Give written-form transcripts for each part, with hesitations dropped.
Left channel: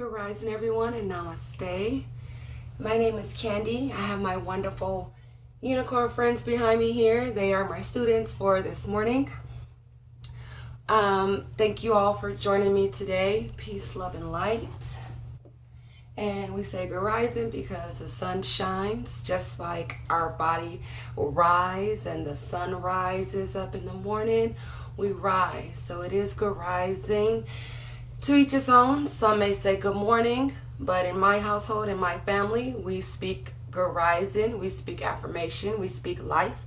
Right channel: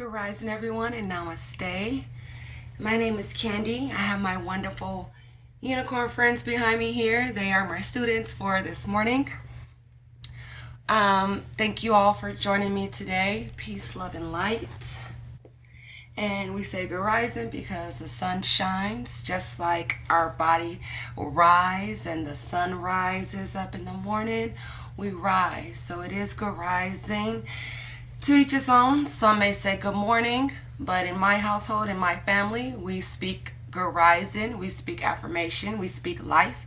Good rising, everyone, and namaste. My name is Candy. I have my wonderful unicorn friends behind me here. They are my students for this morning. Thank you all for joining me today. Peace, love, and light. And we say good rising because the sun shines just like our body will rise and the sun rises up in the morning. We rise. So it is good rising. To each his own. Some may say good morning, but in my household, in my family, we speak good rising, we speak affirmation, we speak life.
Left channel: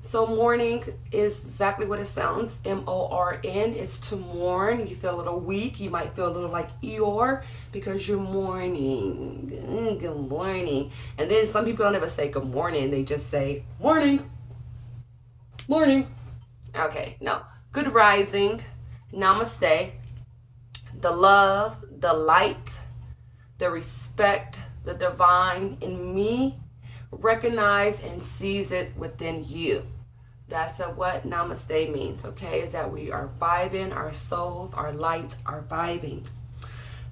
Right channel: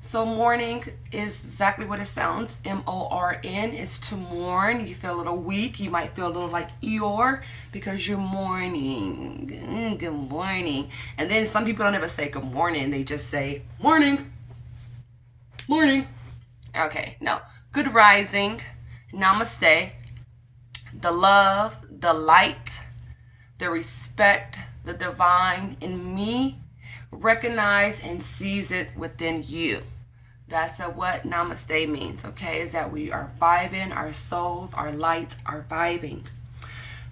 So morning is exactly what it sounds, M-O-R-N. It's to mourn. You feel a little weak. You might feel a little like Eeyore because you're mourning. Good morning. And then some people don't ever say good morning. They just say morning. Morning. Okay, no. Good rising. Namaste. The love, the light, the respect, the divine in me, recognize and sees it within you. That's what namaste means, okay? Is that we are vibing, our souls, our light are vibing.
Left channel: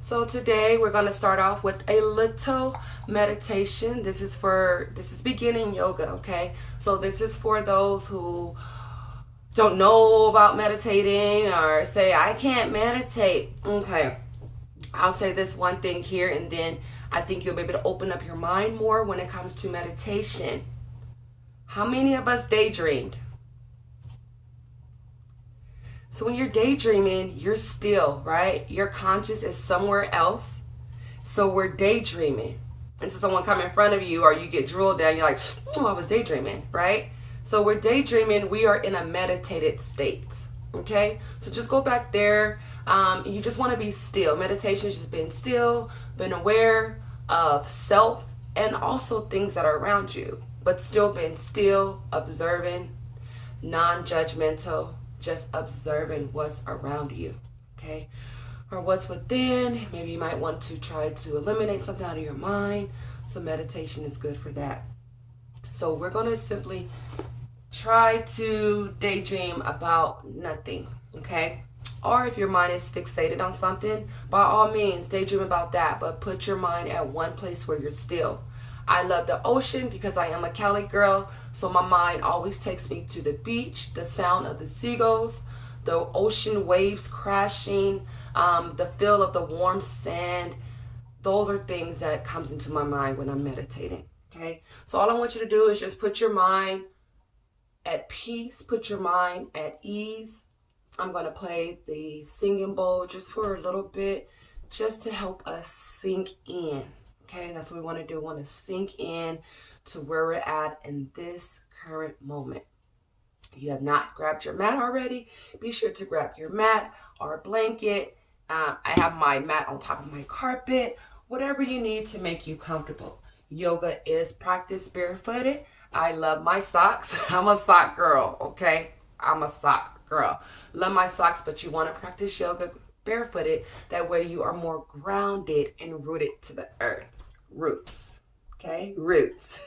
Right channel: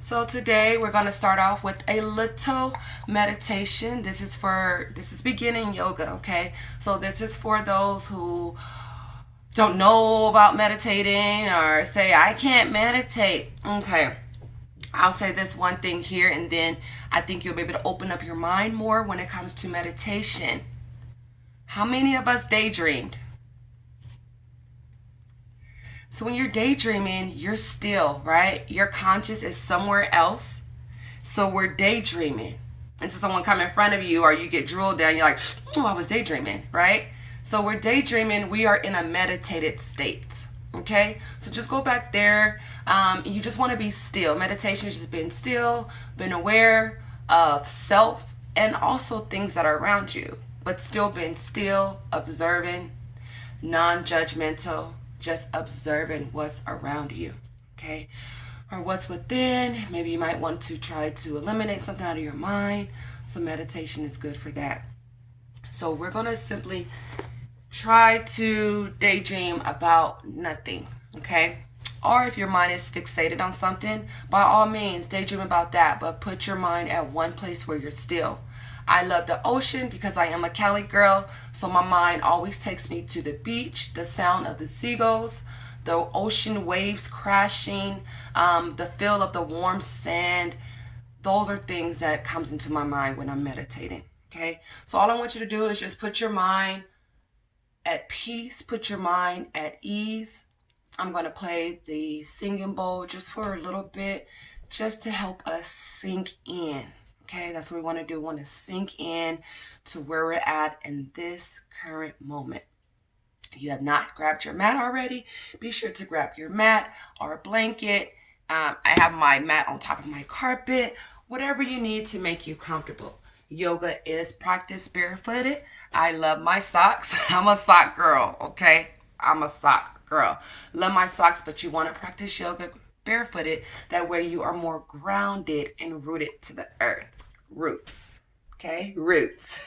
So today we're going to start off with a little meditation. This is beginning yoga, okay? So this is for those who don't know about meditating or say, I can't meditate. Okay, I'll say this one thing here, and then I think you'll be able to open up your mind more when it comes to meditation. How many of us daydreamed? So when you're daydreaming, you're still, right? Your conscious is somewhere else. So we're daydreaming. Until someone come in front of you or you get drooled down, you're like, oh, I was daydreaming, right? So we're daydreaming, we are in a meditated state, okay? So just go back there. You just want to be still. Meditation is just being still, being aware of self and also things that are around you, but still being still, observing, non-judgmental, just observing what's around you, okay? Or what's within. Maybe you might want to try to eliminate something out of your mind. So meditation is good for that. So we're going to simply try to daydream about nothing, okay? Or if your mind is fixated on something, by all means, daydream about that, but put your mind at one place where you're still. I love the ocean because I am a Cali girl, so my mind always takes me to the beach, the sound of the seagulls, the ocean waves crashing, the feel of the warm sand. Those are things that comes into my mind when I'm meditating, okay? So all I want you to do is just put your mind at peace, put your mind at ease. I'm going to play the singing bowl just for a little bit, just to help us sink in. Okay, that's what we want to do. We want to sink in to where we're at in this current moment. If you have not grabbed your mat already, be sure to grab your mat or a blanket. I have my mat on top of my carpet, whatever you need to make you comfortable. Yoga is practiced barefooted. I love my socks. I'm a sock girl, okay? I'm a sock girl. Love my socks, but you want to practice yoga barefooted. That way you are more grounded and rooted to the earth. Roots, okay? Roots.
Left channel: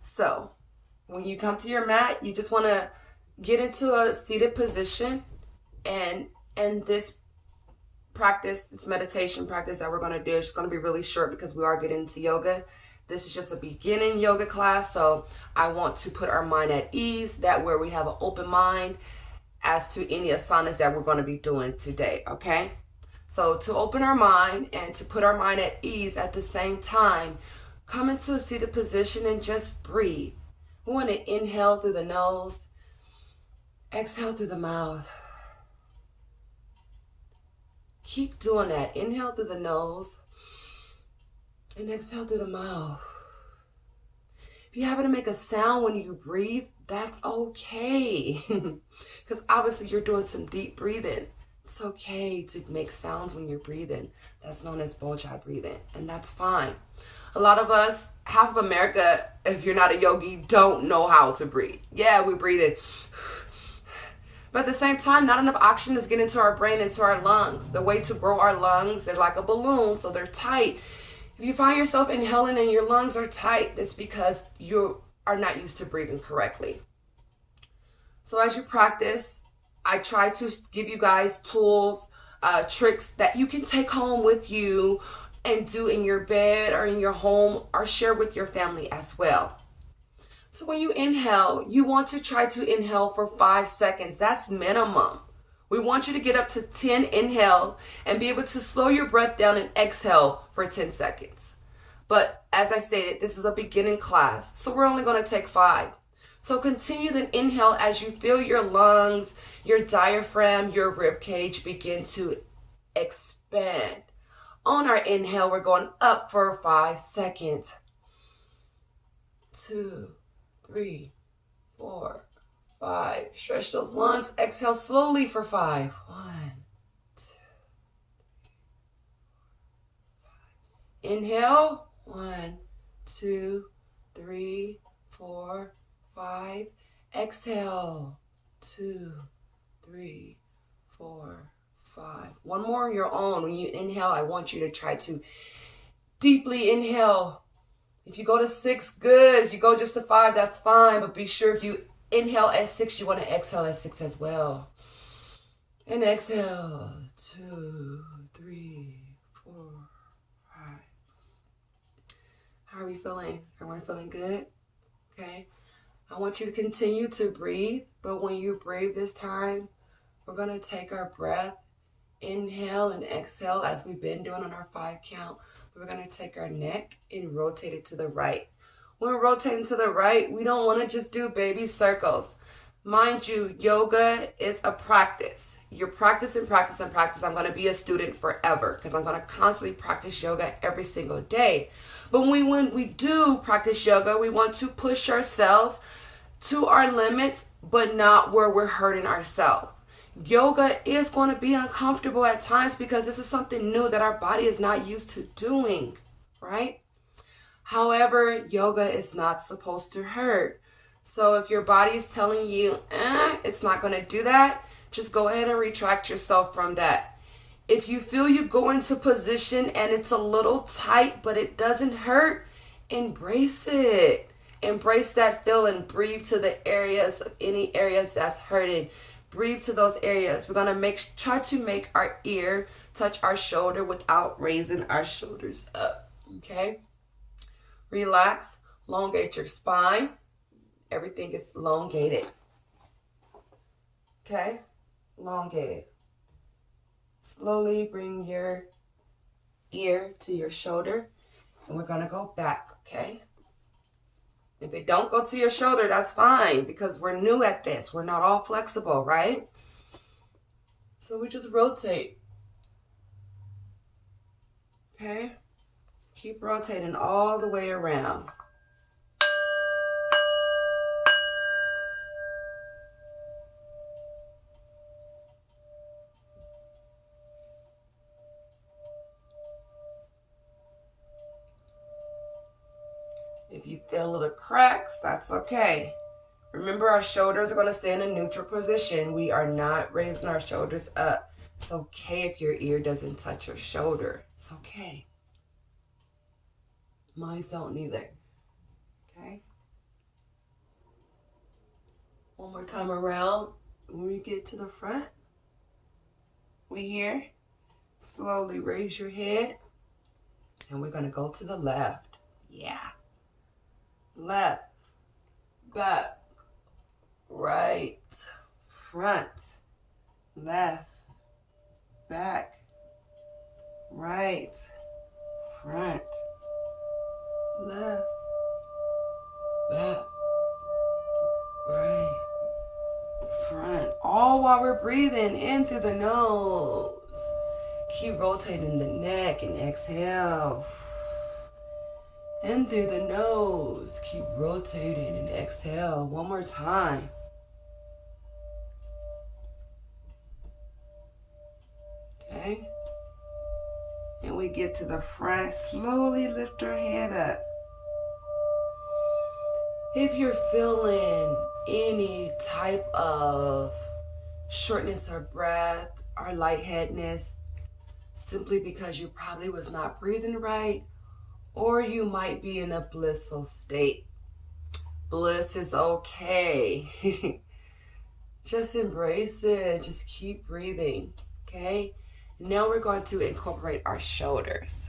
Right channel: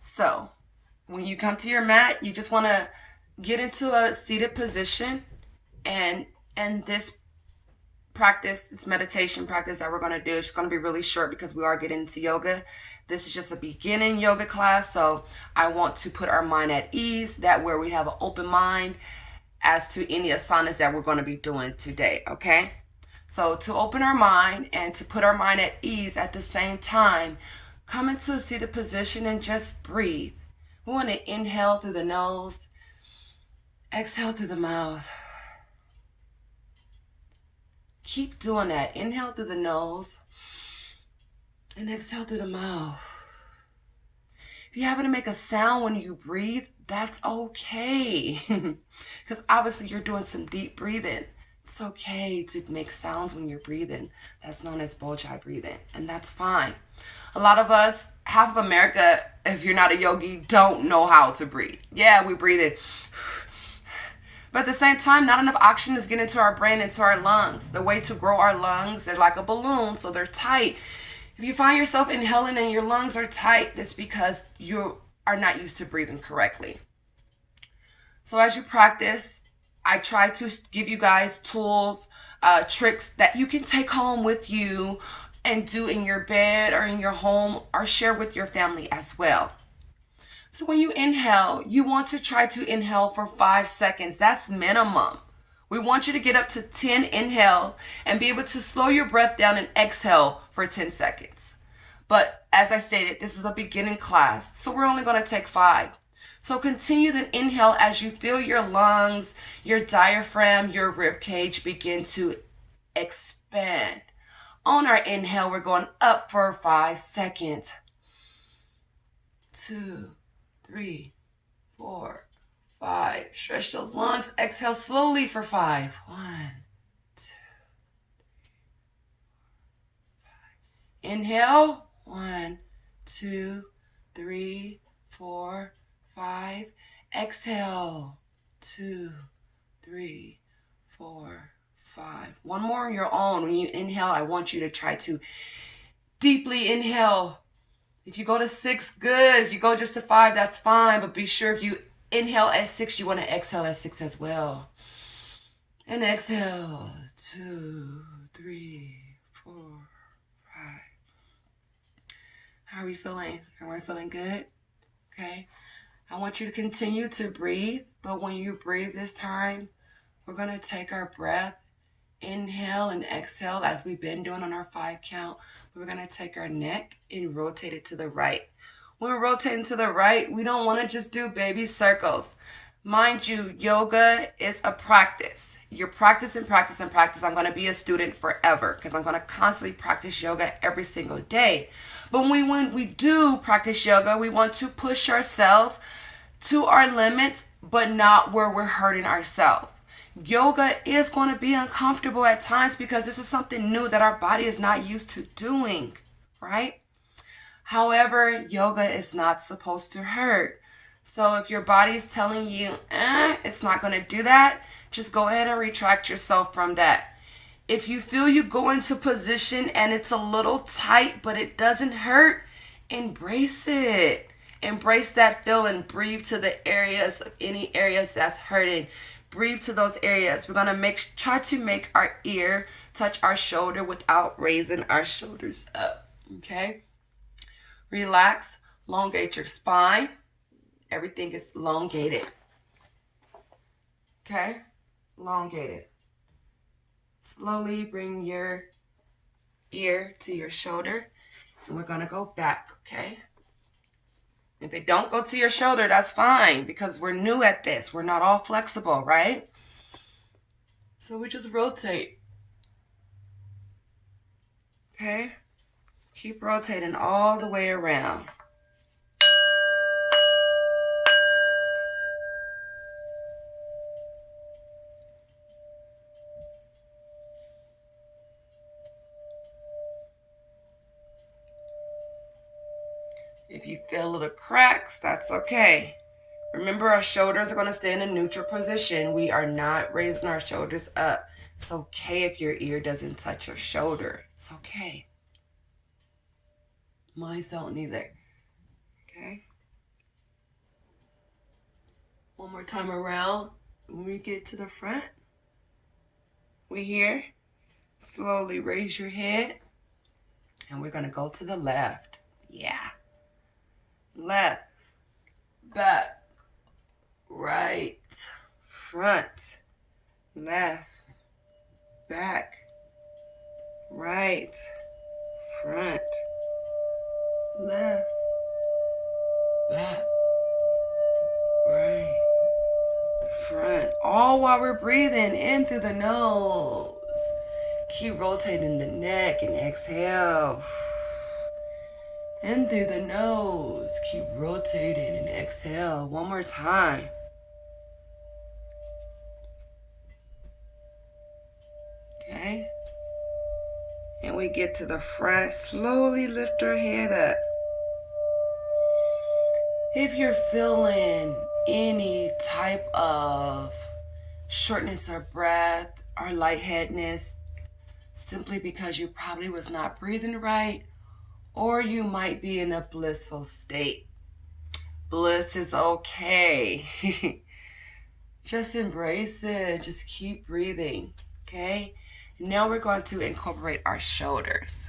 So when you come to your mat, you just want to get into a seated position, and this practice, this meditation practice that we're going to do, it's going to be really short because we are getting into yoga. This is just a beginning yoga class, so I want to put our mind at ease, that where we have an open mind as to any asanas that we're going to be doing today, okay? So to open our mind and to put our mind at ease at the same time, come into a seated position and just breathe. We want to inhale through the nose, exhale through the mouth. Keep doing that. Inhale through the nose and exhale through the mouth. If you happen to make a sound when you breathe, that's okay. Because obviously you're doing some deep breathing. It's okay to make sounds when you're breathing. That's known as bojai breathing, and that's fine. A lot of us, half of America, if you're not a yogi, don't know how to breathe. Yeah, we breathe in. But at the same time, not enough oxygen is getting into our brain, into our lungs. The way to grow our lungs, they're like a balloon, so they're tight. If you find yourself inhaling and your lungs are tight, that's because you are not used to breathing correctly. So as you practice, I try to give you guys tools, tricks that you can take home with you and do in your bed or in your home or share with your family as well. So when you inhale, you want to try to inhale for 5 seconds. That's minimum. We want you to get up to 10 inhale and be able to slow your breath down and exhale for 10 seconds. But as I stated, this is a beginning class, so we're only going to take 5. So continue to inhale as you feel your lungs, your diaphragm, your rib cage begin to expand. On our inhale, we're going up for 5 seconds. 2, 3, 4, 5. Stretch those lungs. Exhale slowly for 5. 1, 2, 5. Inhale. 1, 2, 3, 4, 5. Exhale. 2, 3, 4, 5. One more on your own. When you inhale, I want you to try to deeply inhale. If you go to 6, good. If you go just to 5, that's fine. But be sure if you inhale at 6, you want to exhale at 6 as well. And exhale. 2, 3, 4, 5. How are we feeling? Everyone feeling good? Okay. I want you to continue to breathe. But when you breathe this time, we're going to take our breath. Inhale and exhale as we've been doing on our 5 count. We're going to take our neck and rotate it to the right. When we're rotating to the right, we don't want to just do baby circles. Mind you, yoga is a practice. You practice and practice and practice. I'm going to be a student forever because I'm going to constantly practice yoga every single day. But when we do practice yoga, we want to push ourselves to our limits, but not where we're hurting ourselves. Yoga is going to be uncomfortable at times because this is something new that our body is not used to doing, right? However, yoga is not supposed to hurt. So if your body is telling you, it's not going to do that, just go ahead and retract yourself from that. If you feel you go into position and it's a little tight, but it doesn't hurt, embrace it. Embrace that feeling. Breathe to the areas, any areas that's hurting. Breathe to those areas. We're going to try to make our ear touch our shoulder without raising our shoulders up. Okay? Relax. Elongate your spine. Everything is elongated. Okay? Elongated. Slowly bring your ear to your shoulder. And we're going to go back. Okay? If it don't go to your shoulder, that's fine because we're new at this. We're not all flexible, right? So we just rotate. Okay? Keep rotating all the way around. If you feel little cracks, that's okay. Remember, our shoulders are going to stay in a neutral position. We are not raising our shoulders up. It's okay if your ear doesn't touch your shoulder. It's okay. Mine don't either. Okay? One more time around. When we get to the front, we here. Slowly raise your head. And we're going to go to the left. Yeah. Left, back, right, front, left, back, right, front, left, back, right, front. All while we're breathing in through the nose. Keep rotating the neck and exhale. In through the nose. Keep rotating and exhale. One more time. Okay. And we get to the front. Slowly lift our head up. If you're feeling any type of shortness of breath or lightheadedness, simply because you probably was not breathing right, or you might be in a blissful state. Bliss is okay. Just embrace it. Just keep breathing. Okay? Now we're going to incorporate our shoulders.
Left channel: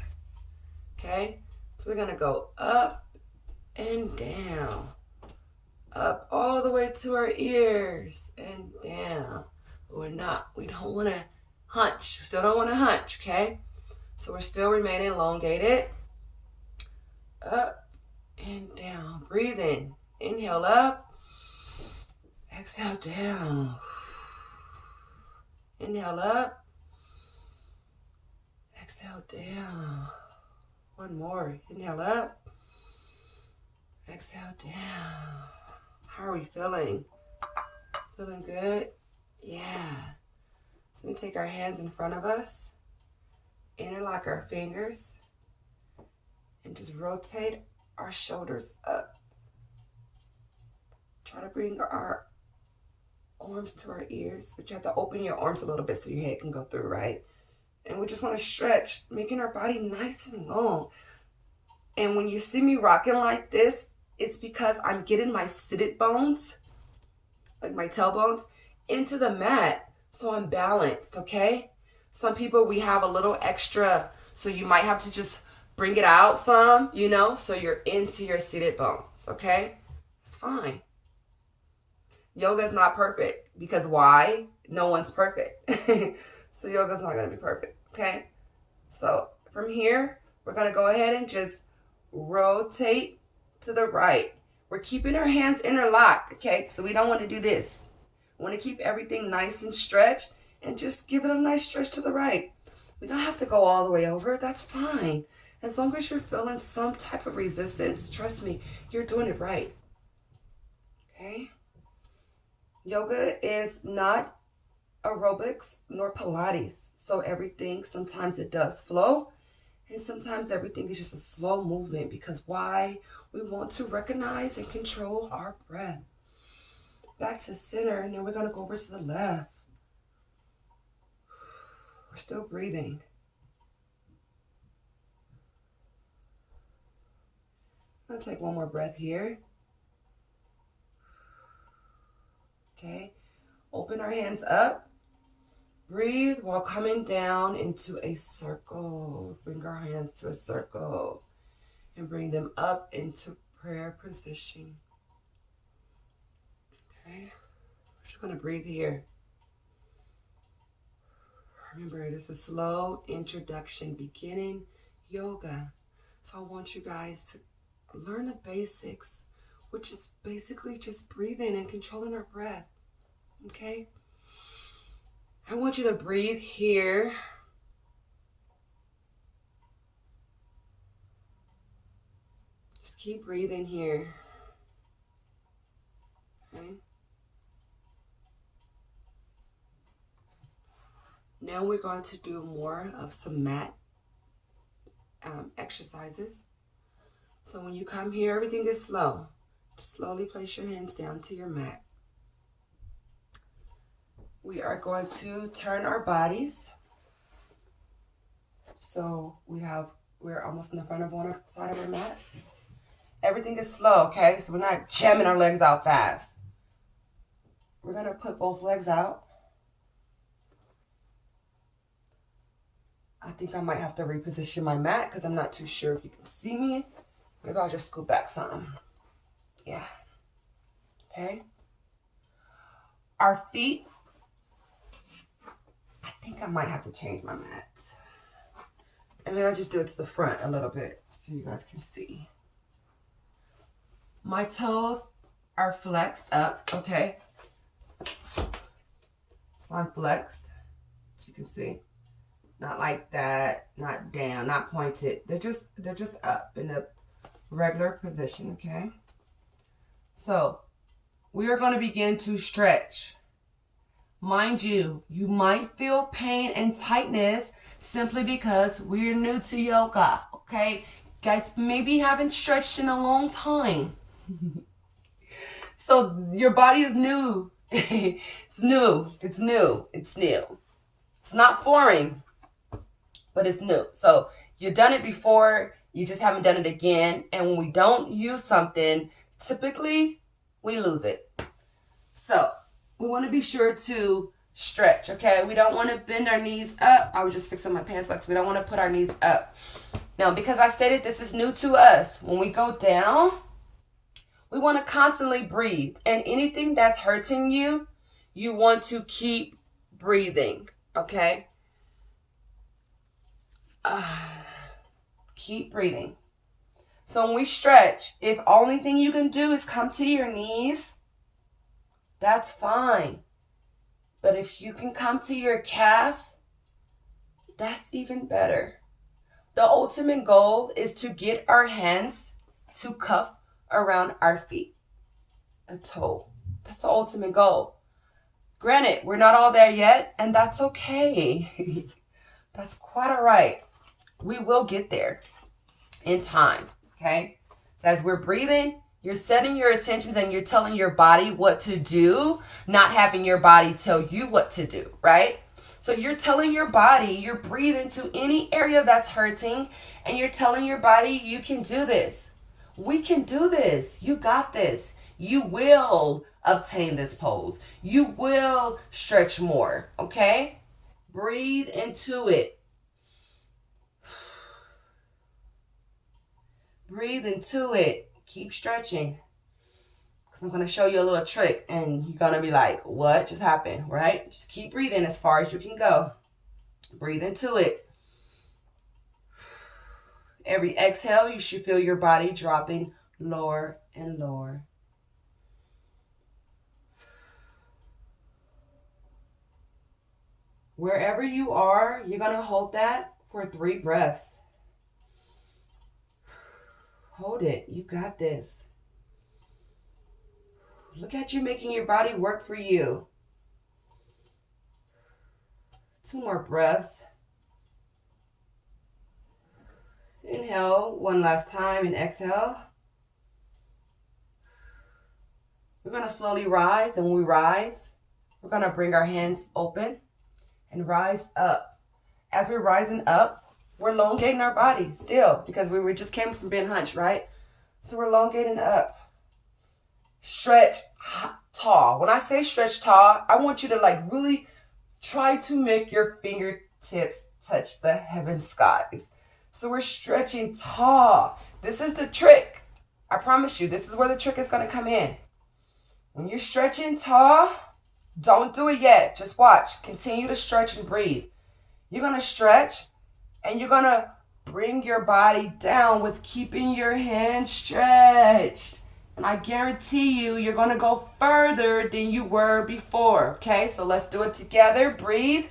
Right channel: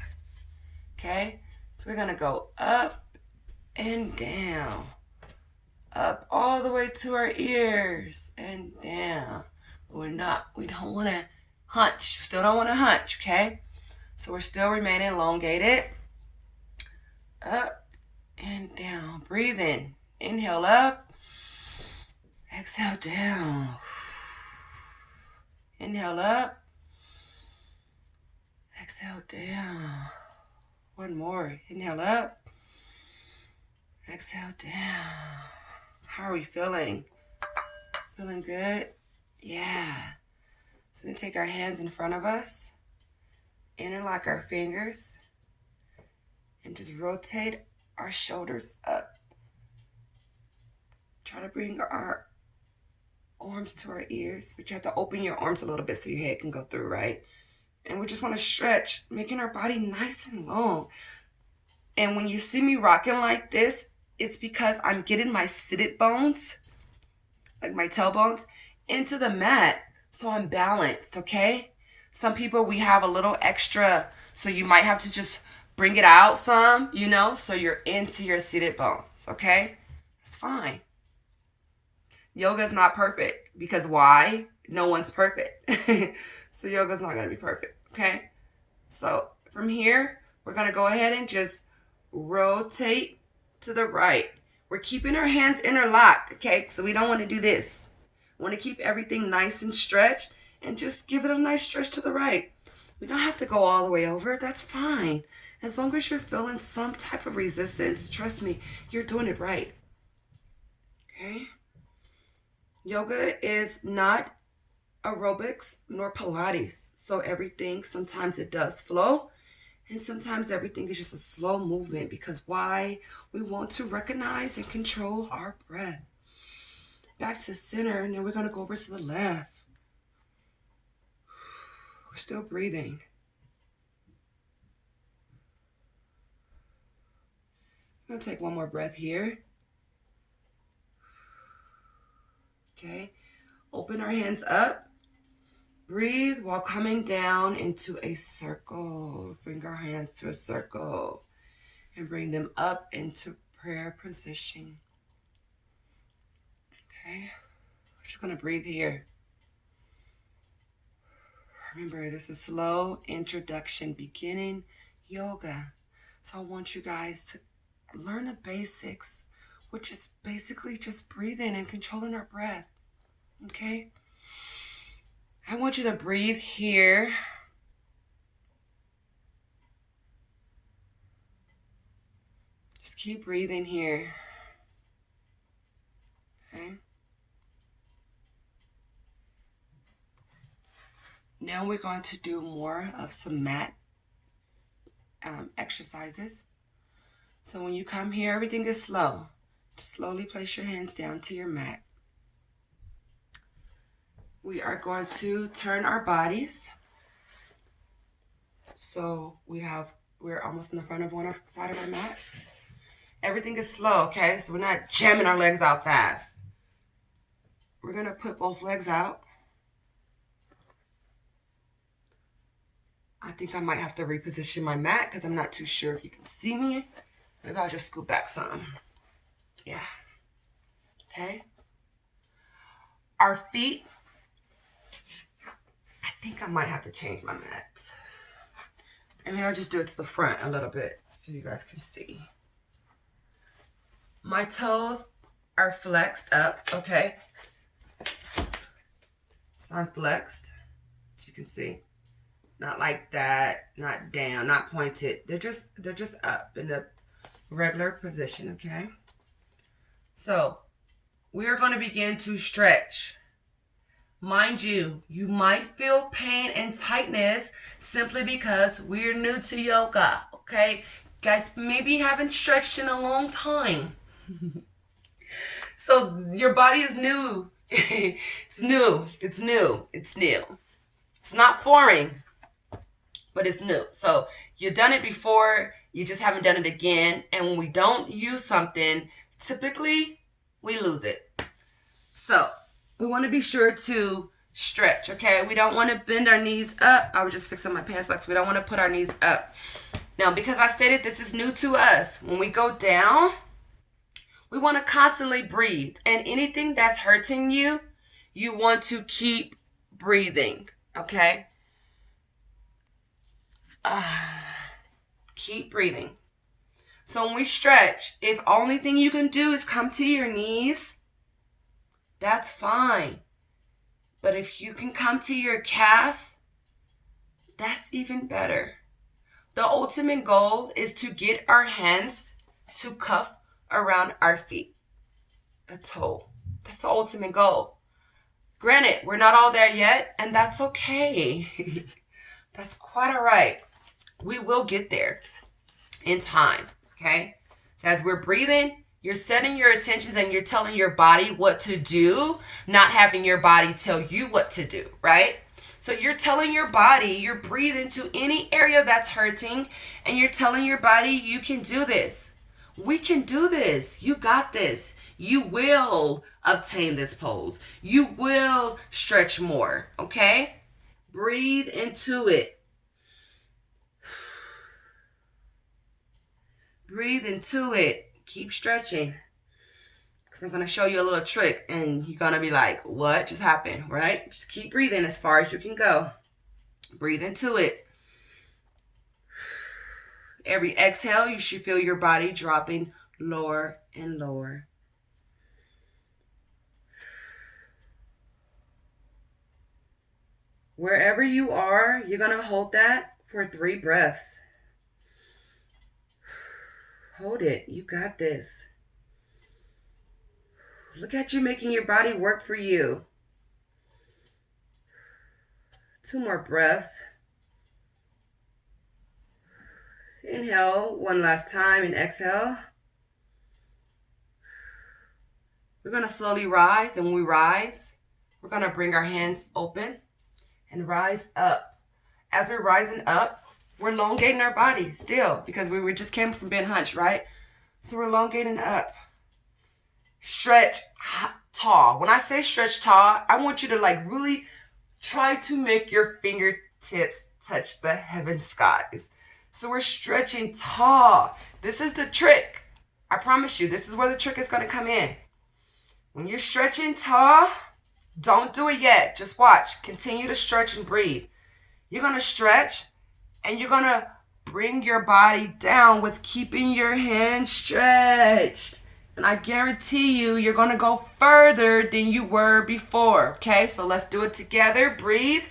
Okay? So we're going to go up and down. Up all the way to our ears and down. We don't want to hunch. Still don't want to hunch, okay? So we're still remaining elongated. Up and down. Breathe in. Inhale up. Exhale down. Inhale up. Exhale down. One more. Inhale up. Exhale down. How are we feeling? Feeling good? Yeah. So we take our hands in front of us, interlock our fingers, and just rotate our shoulders up. Try to bring our arms to our ears, but you have to open your arms a little bit so your head can go through, right? And we just want to stretch, making our body nice and long. And when you see me rocking like this, it's because I'm getting my seated bones, like my tailbones, into the mat so I'm balanced, okay? Some people, we have a little extra, so you might have to just bring it out some, you know, so you're into your seated bones, okay? It's fine. Yoga is not perfect because why? No one's perfect. So yoga's not going to be perfect, okay? So from here, we're going to go ahead and just rotate to the right. We're keeping our hands interlocked, okay? So we don't want to do this. We want to keep everything nice and stretched and just give it a nice stretch to the right. We don't have to go all the way over. That's fine. As long as you're feeling some type of resistance, trust me, you're doing it right. Okay? Yoga is not aerobics nor Pilates. So everything, sometimes it does flow. And sometimes everything is just a slow movement because why? We want to recognize and control our breath. Back to center, and then we're going to go over to the left. We're still breathing. I'm going to take one more breath here. Okay. Open our hands up. Breathe while coming down into a circle. Bring our hands to a circle and bring them up into prayer position. Okay, we're just going to breathe here. Remember, this is slow introduction, beginning yoga. So I want you guys to learn the basics, which is basically just breathing and controlling our breath. Okay? I want you to breathe here. Just keep breathing here. Okay? Now we're going to do more of some mat exercises. So when you come here, everything is slow. Just slowly place your hands down to your mat. We are going to turn our bodies. So we're almost in the front of one side of our mat. Everything is slow, okay? So we're not jamming our legs out fast. We're going to put both legs out. I think I might have to reposition my mat because I'm not too sure if you can see me. Maybe I'll just scoot back some. Yeah. Okay. Our feet. I think I might have to change my mat. And maybe I'll just do it to the front a little bit so you guys can see. My toes are flexed up, okay? So I'm flexed, as you can see. Not like that, not down, not pointed. They're just up in a regular position, okay? So we are going to begin to stretch. Mind you, you might feel pain and tightness simply because we're new to yoga, okay? Guys maybe haven't stretched in a long time. So your body is new. It's new. It's new. It's new. It's not foreign, but it's new. So you've done it before, you just haven't done it again. And when we don't use something, typically we lose it. So we want to be sure to stretch, okay? We don't want to bend our knees up. I was just fixing my pants legs. We don't want to put our knees up. Now, because I stated this is new to us, when we go down, we want to constantly breathe. And anything that's hurting you, you want to keep breathing, okay? Keep breathing. So when we stretch, if only thing you can do is come to your knees, that's fine. But if you can come to your calves, that's even better. The ultimate goal is to get our hands to cuff around our feet, a toe. That's the ultimate goal. Granted, we're not all there yet, and that's okay. That's quite all right. We will get there in time, okay? So as we're breathing, you're setting your intentions and you're telling your body what to do, not having your body tell you what to do, right? So you're telling your body, you're breathing to any area that's hurting, and you're telling your body, you can do this. We can do this. You got this. You will obtain this pose. You will stretch more, okay? Breathe into it. Breathe into it. Keep stretching. Because I'm going to show you a little trick, and you're going to be like, what just happened, right? Just keep breathing as far as you can go. Breathe into it. Every exhale, you should feel your body dropping lower and lower. Wherever you are, you're going to hold that for 3 breaths. Hold it. You got this. Look at you making your body work for you. 2 more breaths. Inhale 1 last time and exhale. We're going to slowly rise, and when we rise, we're going to bring our hands open and rise up. As we're rising up, we're elongating our body still, because we just came from being hunched, right? So we're elongating up. Stretch tall. When I say stretch tall, I want you to like really try to make your fingertips touch the heaven skies. So we're stretching tall. This is the trick. I promise you, this is where the trick is going to come in. When you're stretching tall, don't do it yet. Just watch. Continue to stretch and breathe. You're going to stretch, and you're going to bring your body down with keeping your hands stretched. And I guarantee you, you're going to go further than you were before. Okay, so let's do it together. Breathe.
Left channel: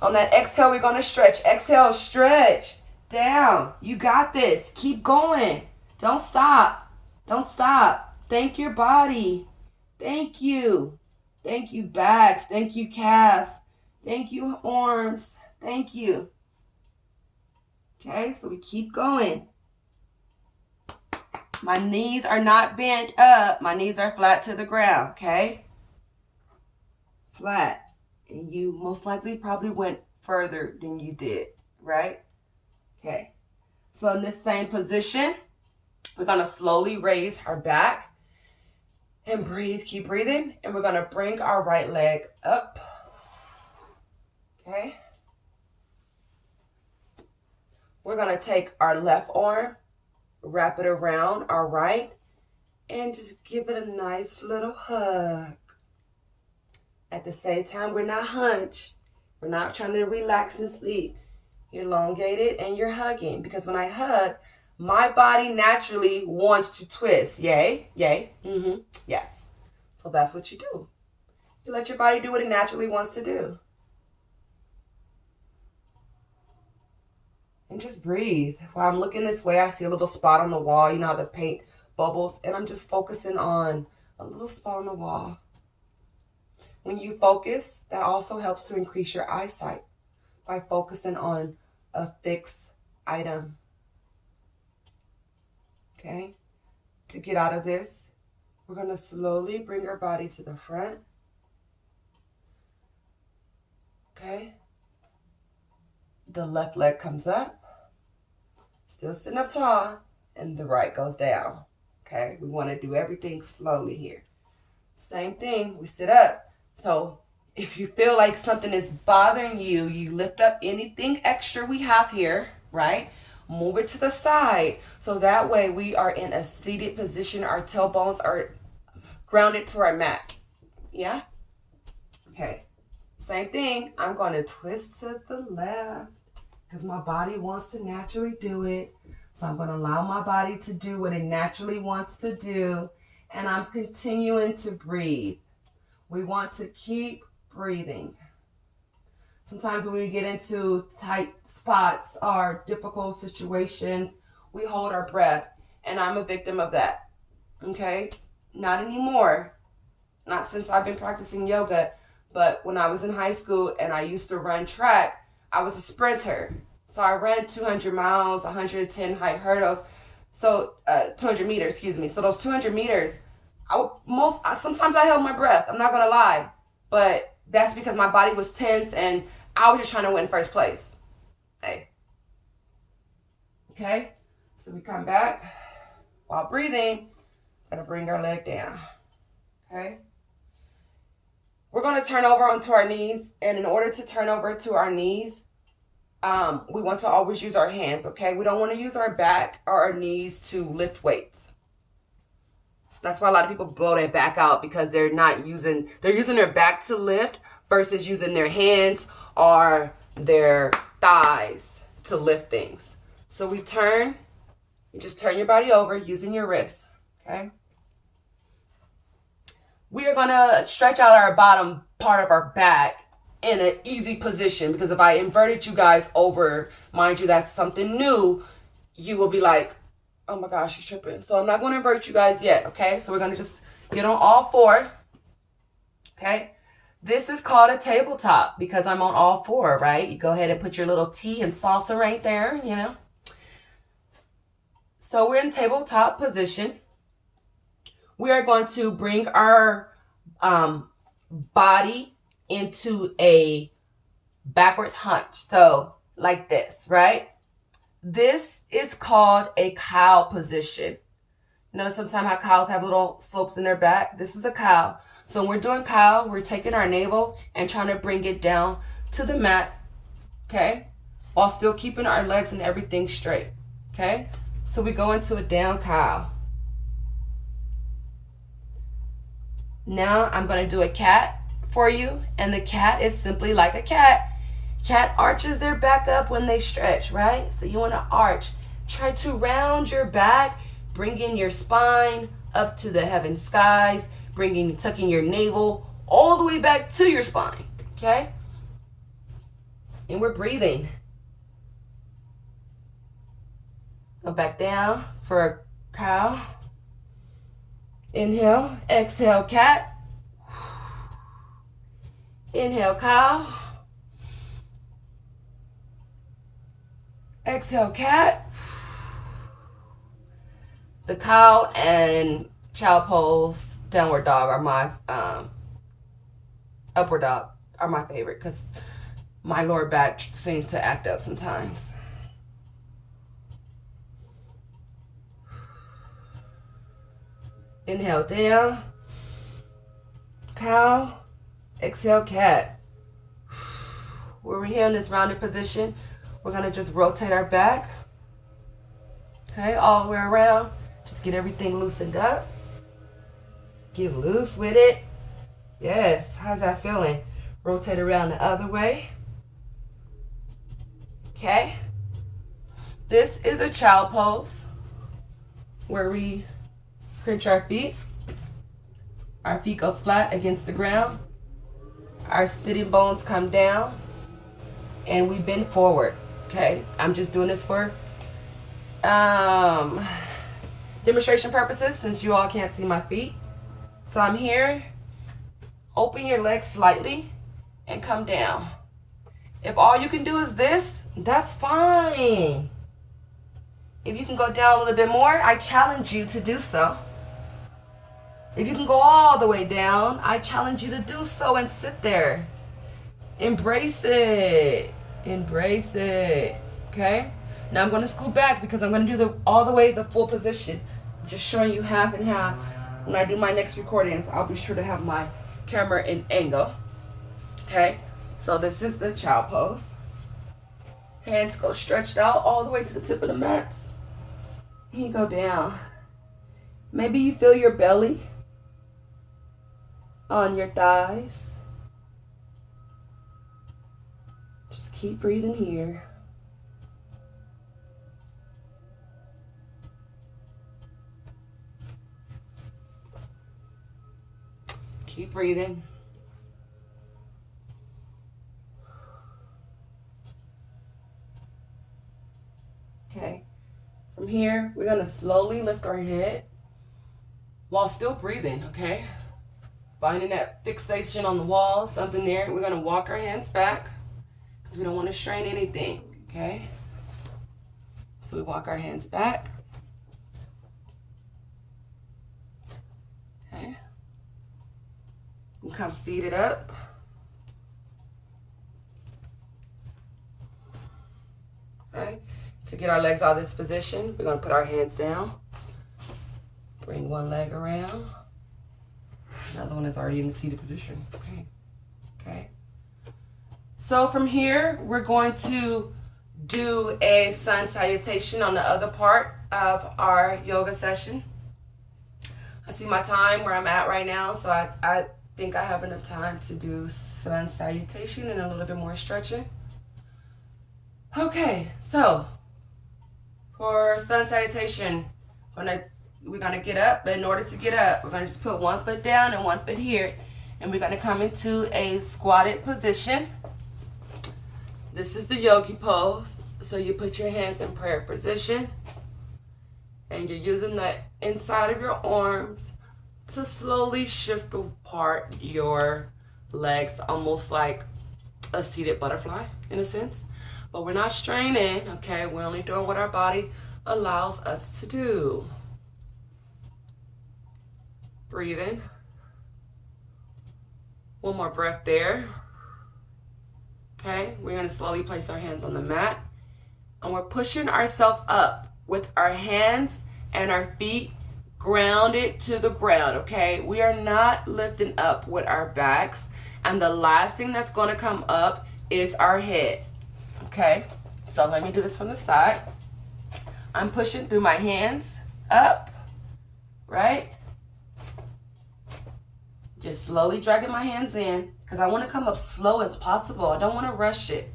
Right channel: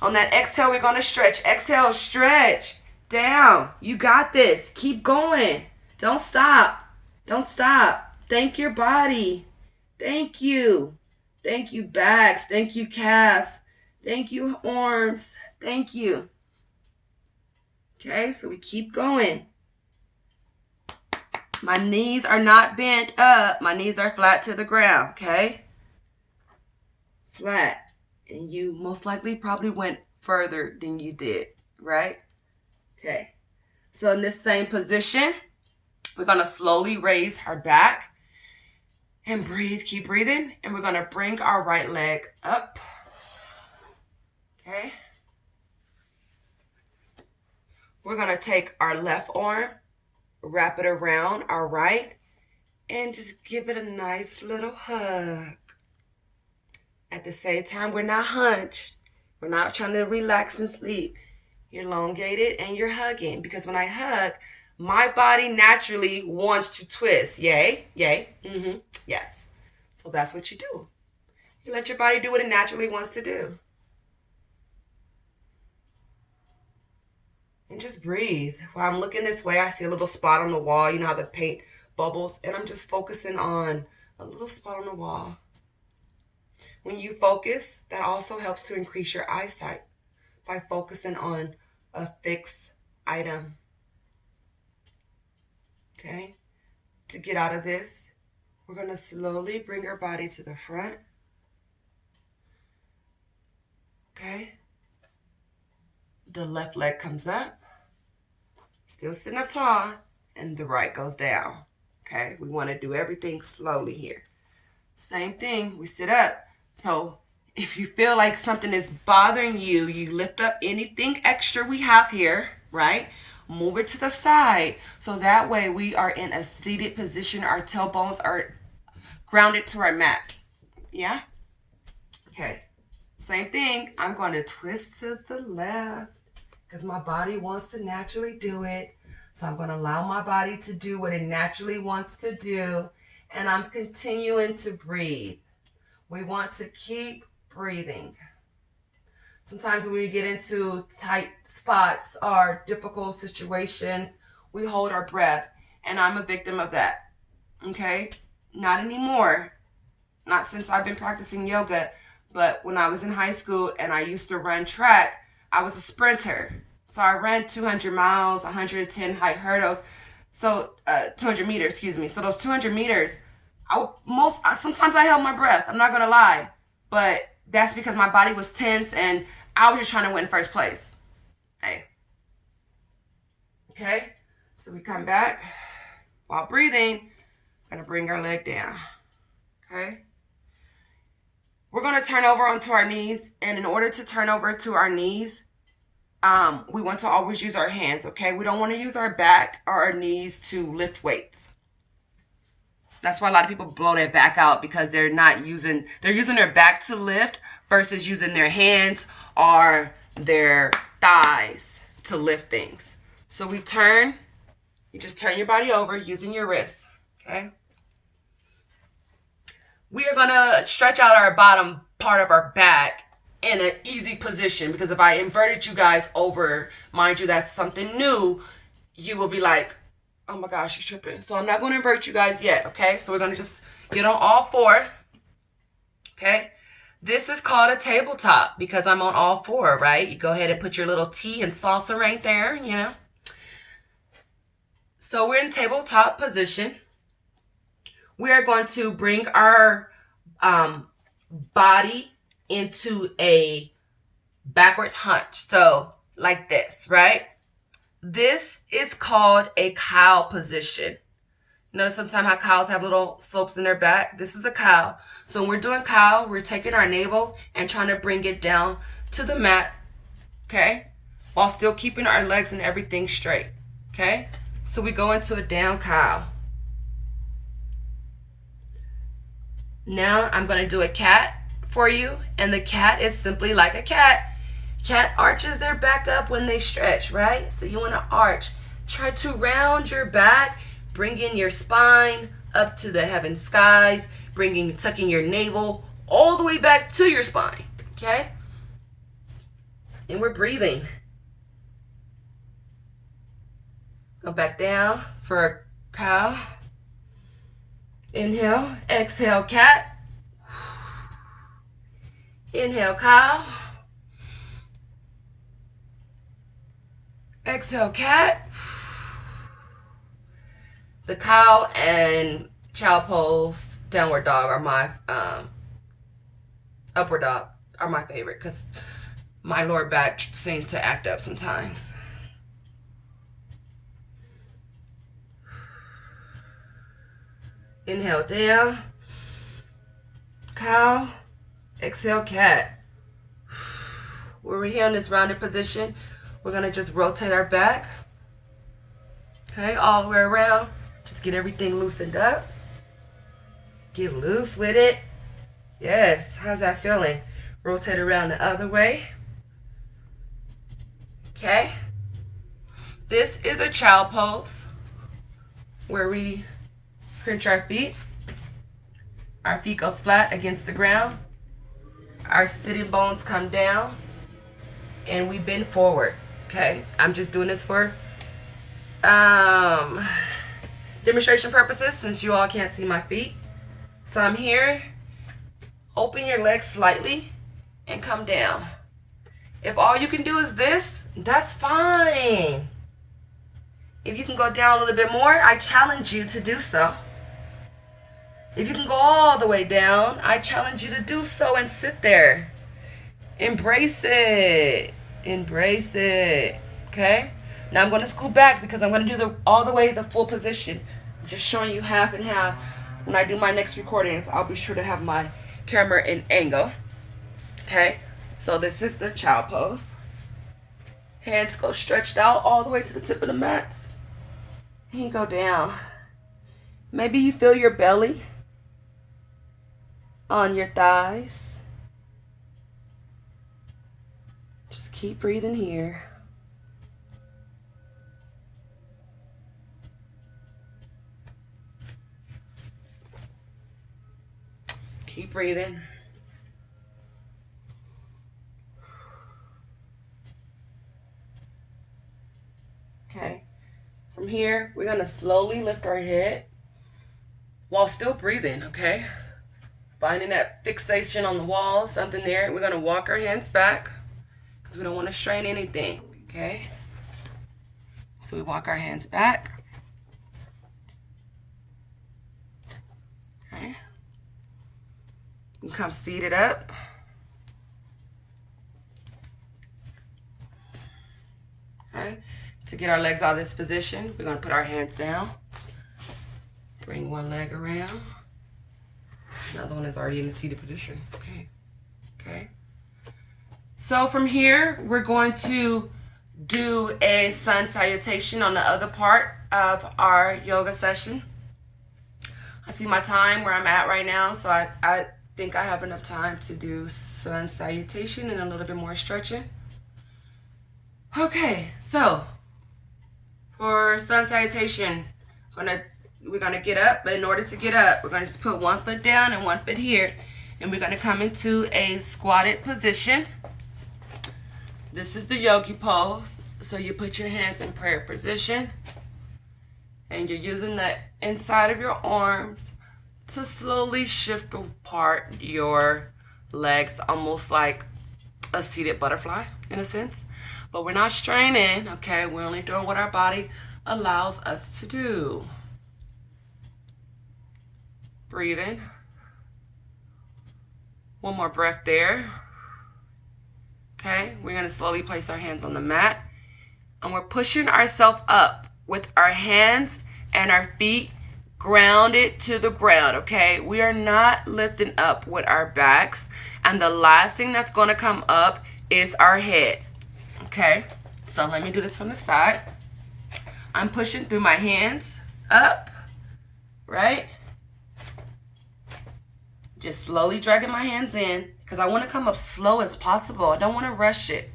On that exhale, we're going to stretch. Exhale, stretch. Down. You got this. Keep going. Don't stop. Don't stop. Thank your body. Thank you. Thank you, backs. Thank you, calves. Thank you, arms. Thank you. Okay, so we keep going. My knees are not bent up. My knees are flat to the ground, okay? Flat. And you most likely probably went further than you did, right? Okay. So in this same position, we're going to slowly raise our back and breathe. Keep breathing. And we're going to bring our right leg up. Okay. We're going to take our left arm, wrap it around our right, and just give it a nice little hug. At the same time, we're not hunched. We're not trying to relax and sleep. You're elongated and you're hugging, because when I hug, my body naturally wants to twist. Yay, yay, yes. So that's what you do. You let your body do what it naturally wants to do. And just breathe. While I'm looking this way, I see a little spot on the wall. You know how the paint bubbles? And I'm just focusing on a little spot on the wall. When you focus, that also helps to increase your eyesight by focusing on a fixed item. Okay? To get out of this, we're going to slowly bring our body to the front. Okay? The left leg comes up. Still sitting up tall, and the right goes down. Okay? We want to do everything slowly here. Same thing. We sit up. So if you feel like something is bothering you, you lift up anything extra we have here, right? Move it to the side. So that way we are in a seated position. Our tailbones are grounded to our mat. Yeah? Okay. Same thing. I'm going to twist to the left because my body wants to naturally do it. So I'm going to allow my body to do what it naturally wants to do. And I'm continuing to breathe. We want to keep breathing. Sometimes when we get into tight spots or difficult situations, we hold our breath. And I'm a victim of that. Okay? Not anymore. Not since I've been practicing yoga. But when I was in high school and I used to run track, I was a sprinter. So I ran 200 miles, 110 height hurdles. So 200 meters, excuse me. So those 200 meters, sometimes I held my breath. I'm not going to lie. But that's because my body was tense and I was just trying to win first place. Hey. Okay. So we come back while breathing. Going to bring our leg down. Okay. We're going to turn over onto our knees. And in order to turn over to our knees, we want to always use our hands. Okay. We don't want to use our back or our knees to lift weights. That's why a lot of people blow their back out because they're using their back to lift versus using their hands or their thighs to lift things. So we turn, you just turn your body over using your wrists, okay? We are gonna stretch out our bottom part of our back in an easy position because if I inverted you guys over, mind you, that's something new, you will be like, oh my gosh, she's tripping. So I'm not going to invert you guys yet, okay? So we're going to just get on all four, okay? This is called a tabletop because I'm on all four, right? You go ahead and put your little tea and salsa right there, you know? So we're in tabletop position. We are going to bring our body into a backwards hunch. So like this, right? This is called a cow position. You know, sometimes how cows have little slopes in their back. This is a cow. So when we're doing cow, we're taking our navel and trying to bring it down to the mat, okay? While still keeping our legs and everything straight, okay? So we go into a down cow. Now I'm going to do a cat for you. And the cat is simply like a cat. Cat arches their back up when they stretch, right? So you want to arch. Try to round your back, bring in your spine up to the heaven skies, tucking your navel all the way back to your spine, okay? And we're breathing. Go back down for a cow. Inhale, exhale, cat. Inhale, cow. Exhale, cat. The cow and child pose, downward dog are my, upward dog are my favorite because my lower back seems to act up sometimes. Inhale, down, cow. Exhale, cat. When we're here in this rounded position, we're going to just rotate our back, okay, all the way around. Just get everything loosened up. Get loose with it. Yes, how's that feeling? Rotate around the other way. Okay. This is a child pose where we crunch our feet. Our feet go flat against the ground. Our sitting bones come down and we bend forward. Okay, I'm just doing this for demonstration purposes since you all can't see my feet. So I'm here. Open your legs slightly and come down. If all you can do is this, that's fine. If you can go down a little bit more, I challenge you to do so. If you can go all the way down, I challenge you to do so and sit there. Embrace it. Embrace it. Okay? Now I'm going to scoot back because I'm going to do all the way the full position. I'm just showing you half and half. When I do my next recordings, I'll be sure to have my camera in angle. Okay, so this is the child pose. Hands go stretched out all the way to the tip of the mats. And you go down. Maybe you feel your belly on your thighs. Just keep breathing here. Keep breathing. Okay. From here, we're going to slowly lift our head while still breathing, okay? Finding that fixation on the wall, something there. We're going to walk our hands back because we don't want to strain anything, okay? So we walk our hands back. Okay. We come seated up. Okay. To get our legs out of this position, we're going to put our hands down. Bring one leg around. Another one is already in the seated position. Okay. Okay. So from here, we're going to do a sun salutation on the other part of our yoga session. I see my time where I'm at right now, so I think I have enough time to do sun salutation and a little bit more stretching. Okay, so for sun salutation, we're gonna get up, but in order to get up, we're gonna just put one foot down and one foot here, and we're gonna come into a squatted position. This is the yogi pose. So you put your hands in prayer position, and you're using the inside of your arms to slowly shift apart your legs, almost like a seated butterfly in a sense. But we're not straining, okay? We're only doing what our body allows us to do. Breathing. One more breath there. Okay, we're gonna slowly place our hands on the mat, and we're pushing ourselves up with our hands and our feet grounded to the ground, okay? We are not lifting up with our backs, and the last thing that's gonna come up is our head, okay? So let me do this from the side. I'm pushing through my hands up, right? Just slowly dragging my hands in because I want to come up slow as possible. I don't want to rush it,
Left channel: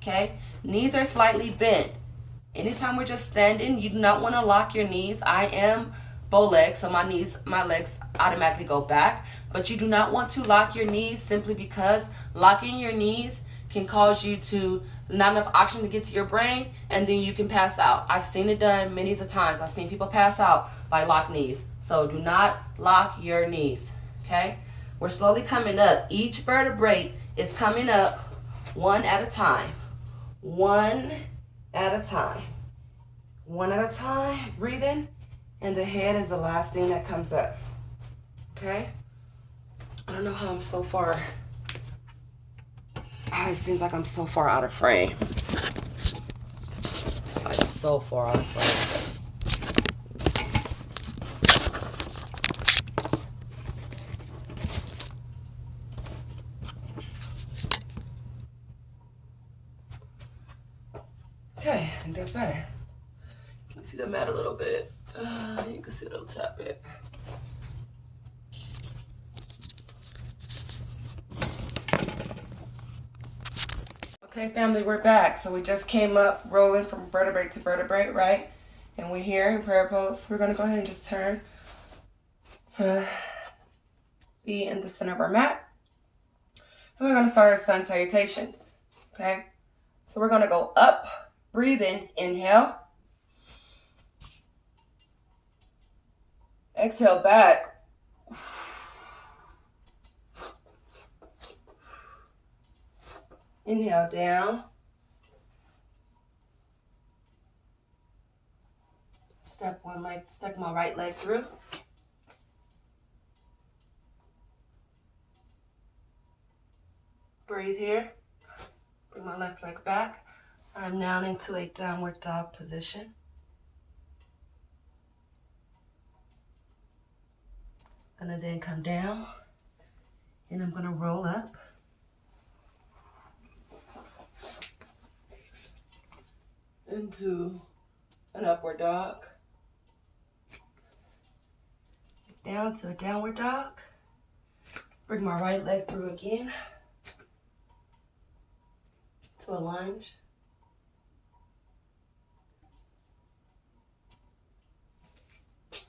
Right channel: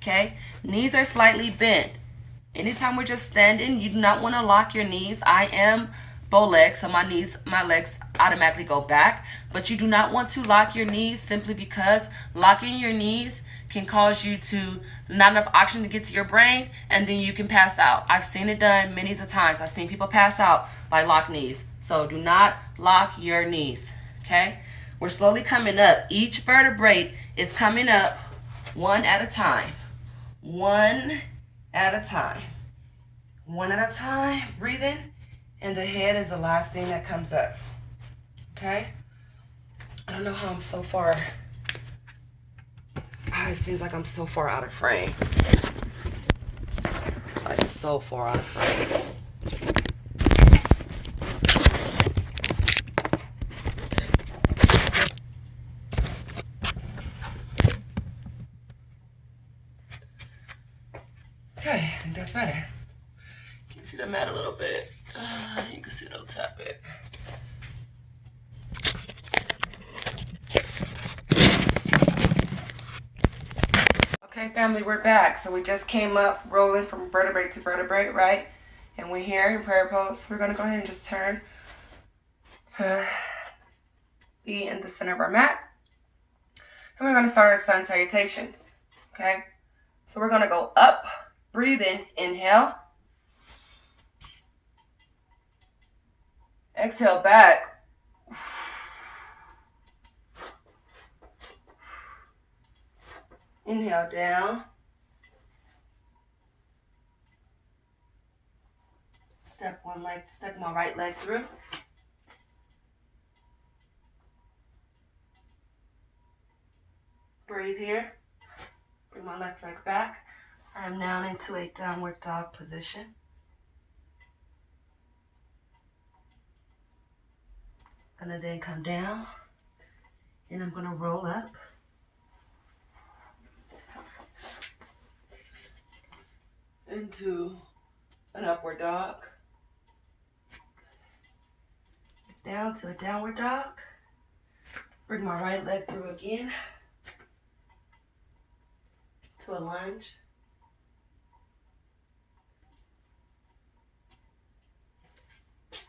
okay? Knees are slightly bent. Anytime we're just standing, you do not want to lock your knees. I am bow legs, so my legs automatically go back, but you do not want to lock your knees simply because locking your knees can cause you to not enough oxygen to get to your brain, and then you can pass out. I've seen it done many times. I've seen people pass out by locked knees. So do not lock your knees, okay? We're slowly coming up. Each vertebrae is coming up one at a time. One at a time. One at a time, breathing, and the head is the last thing that comes up, okay? I don't know how I'm so far. It seems like I'm so far out of frame. Like so far out of frame. Okay, I think that's better. You can see the mat a little bit. You can see it'll tap it. Okay, family, we're back. So we just came up rolling from vertebrae to vertebrae, right? And we're here in prayer pose. We're gonna go ahead and just turn to be in the center of our mat. And we're gonna start our sun salutations, okay? So we're gonna go up, breathing, inhale. Exhale back. Inhale down. Step my right leg through. Breathe here. Bring my left leg back. I'm now into a downward dog position. Gonna then come down And I'm going to roll up. Into an upward dog. Down to a downward dog. Bring my right leg through again. To a lunge.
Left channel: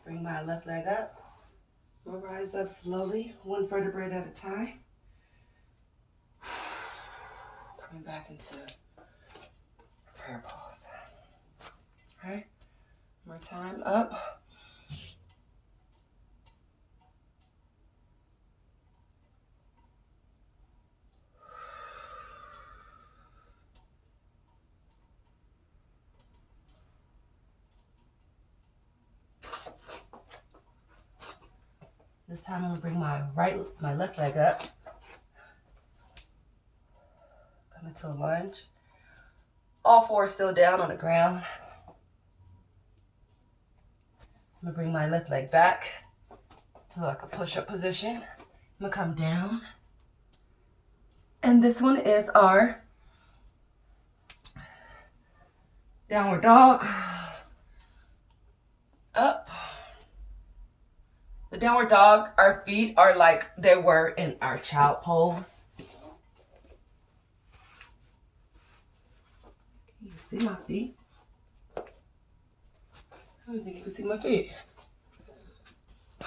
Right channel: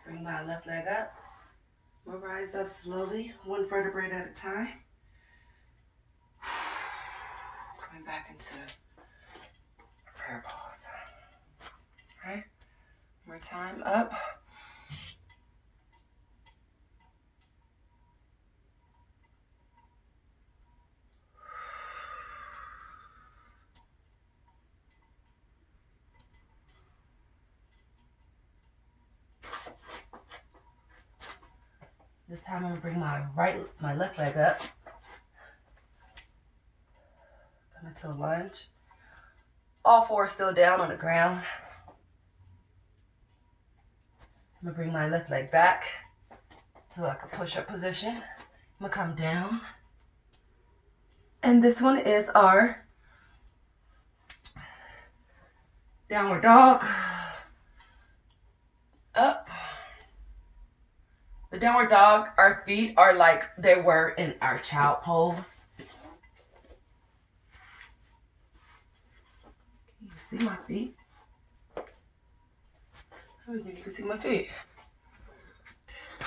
Bring my left leg up. We'll rise up slowly, one vertebrae at a time. Coming back into prayer pose. Okay, one more time, up. This time I'm gonna bring my left leg up. Come into a lunge. All four still down on the ground. I'm gonna bring my left leg back to like a push-up position. I'm gonna come down. And this one is our downward dog. Up. The downward dog, our feet are like they were in our child pose. Can you see my feet? I don't think you can see my feet.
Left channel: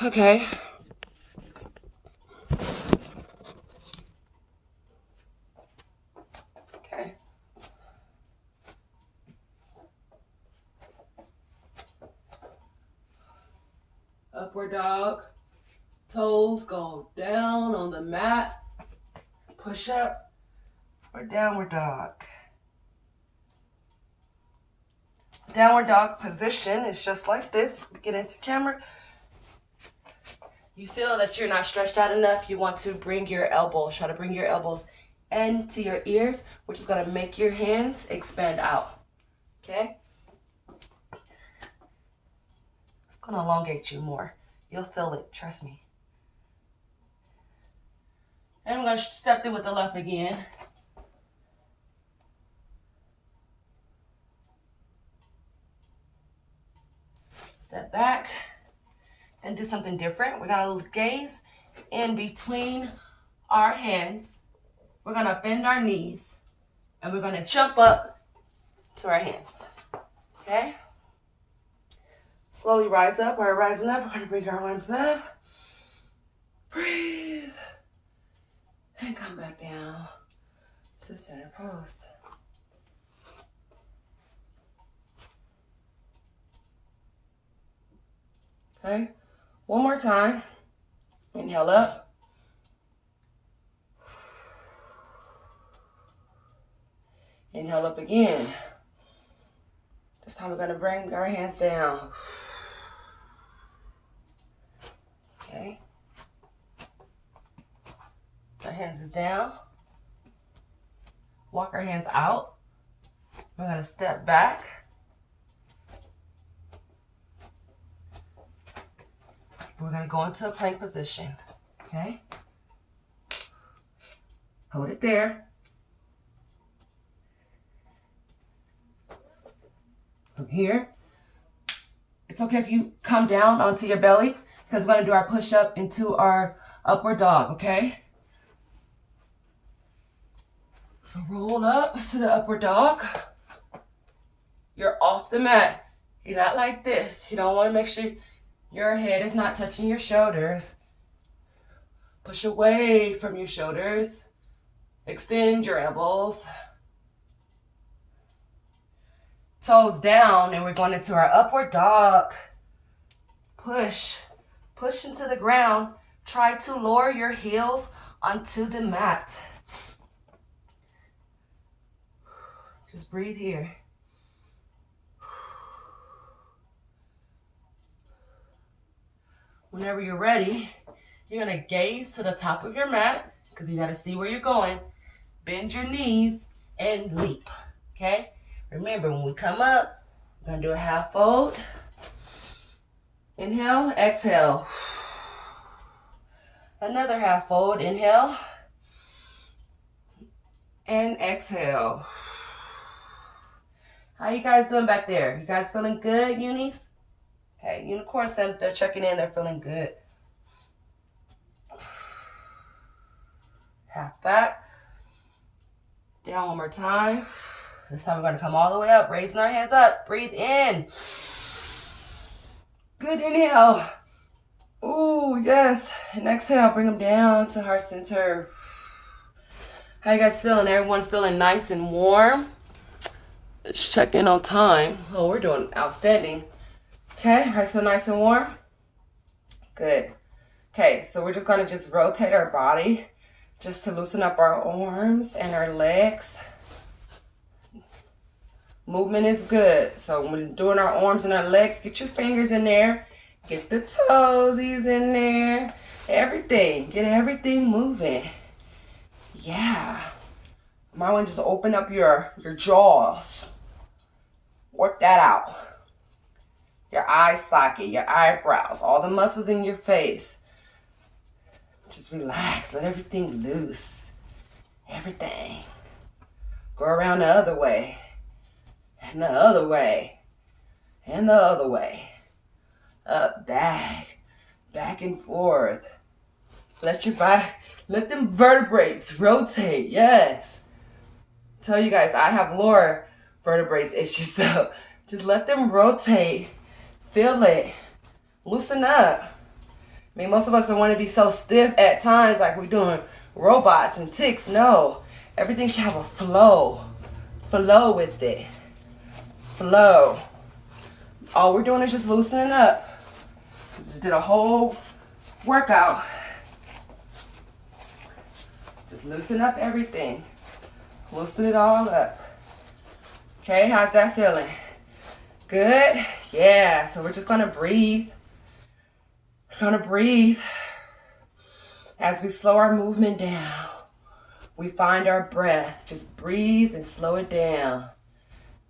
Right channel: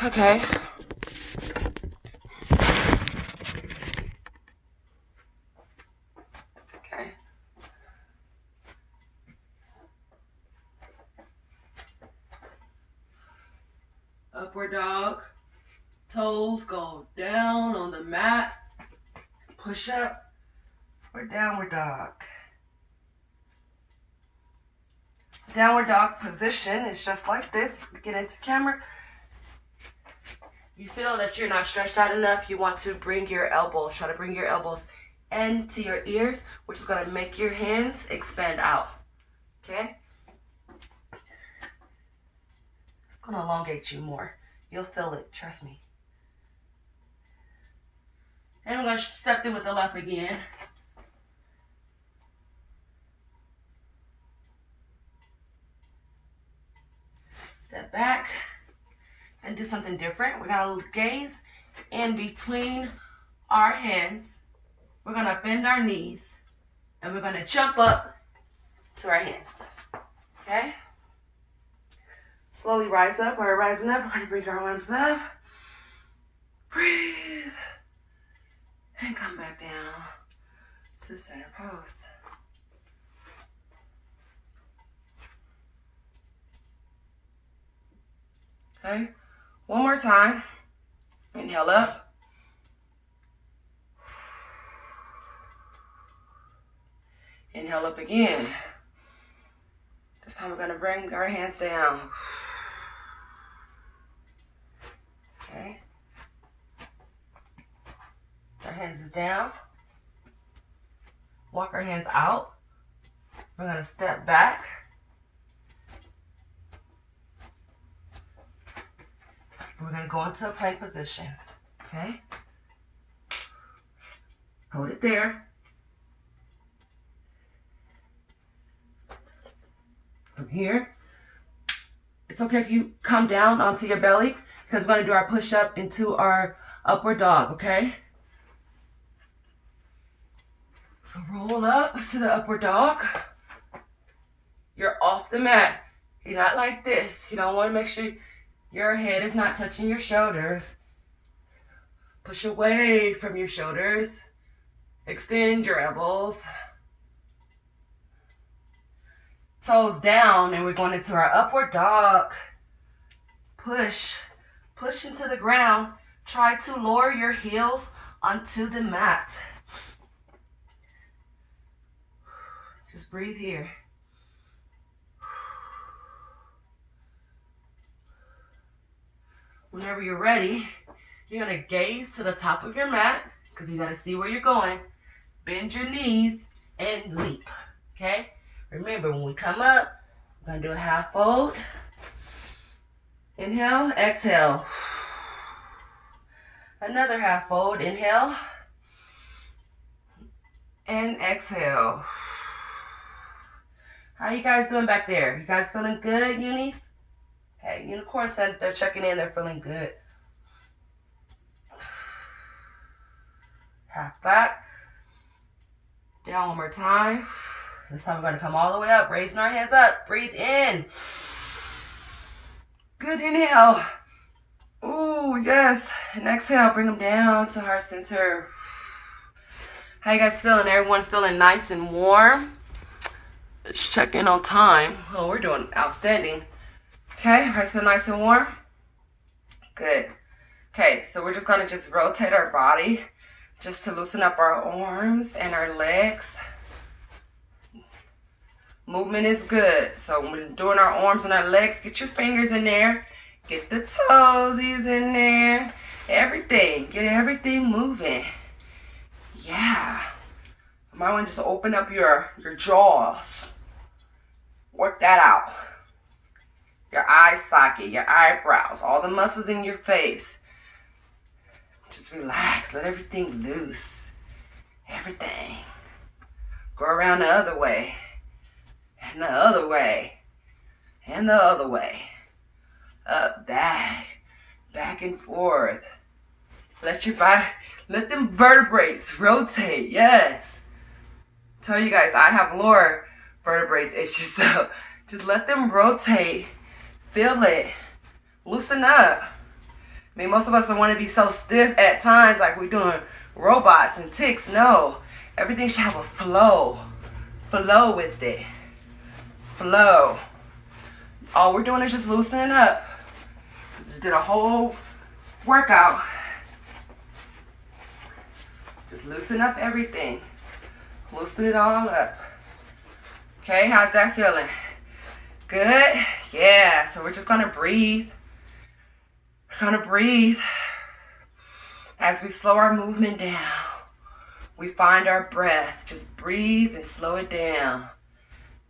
Okay. Okay. Upward dog. Toes go down on the mat. Push up for downward dog. Downward dog position is just like this. Get into camera. You feel that you're not stretched out enough. You want to bring your elbows. Try to bring your elbows into your ears, which is going to make your hands expand out. Okay? It's going to elongate you more. You'll feel it. Trust me. And we're going to step through with the left again. Step back and do something different. We're going to gaze in between our hands. We're going to bend our knees and we're going to jump up to our hands. Okay? Slowly rise up. We're rising up. We're going to bring our arms up. Breathe. And come back down to center pose. Okay, one more time. Inhale up. Inhale up again. This time we're going to bring our hands down. Okay. Our hands is down. Walk our hands out. We're going to step back. We're going to go into a plank position, okay? Hold it there. From here, it's okay if you come down onto your belly because we're going to do our push-up into our upward dog, okay? So roll up to the upward dog. You're off the mat. You're not like this. You don't want to make sure your head is not touching your shoulders. Push away from your shoulders. Extend your elbows. Toes down, and we're going into our upward dog. Push. Push into the ground. Try to lower your heels onto the mat. Just breathe here. Whenever you're ready, you're going to gaze to the top of your mat because you got to see where you're going. Bend your knees and leap. Okay? Remember, when we come up, we're going to do a half fold. Inhale, exhale. Another half fold. Inhale and exhale. How you guys doing back there? You guys feeling good, unis? Okay, unicorn said they're checking in. They're feeling good. Half back. Down one more time. This time we're going to come all the way up, raising our hands up. Breathe in. Good inhale. Ooh, yes. And exhale, bring them down to heart center. How you guys feeling? Everyone's feeling nice and warm. Let's check in on time. Oh, we're doing outstanding. Okay, hearts feel nice and warm. Good. Okay, so we're just going to rotate our body just to loosen up our arms and our legs. Movement is good. So when we're doing our arms and our legs, get your fingers in there. Get the toesies in there. Everything. Get everything moving. Yeah. You might want to just open up your jaws. Work that out. Your eye socket, your eyebrows, all the muscles in your face. Just relax. Let everything loose. Everything. Go around the other way. And the other way. And the other way. Up, back. Back and forth. Let your body, let them vertebrae rotate. Yes. Tell you guys, I have lower vertebrae issues, so just let them rotate. Feel it. Loosen up. I mean, most of us don't want to be so stiff at times like we're doing robots and ticks. No. Everything should have a flow. Flow with it. Flow. All we're doing is just loosening up. Just did a whole workout. Just loosen up everything. Loosen it all up. Okay, how's that feeling? Good? Yeah, so we're just gonna breathe. We're gonna breathe. As we slow our movement down, we find our breath. Just breathe and slow it down.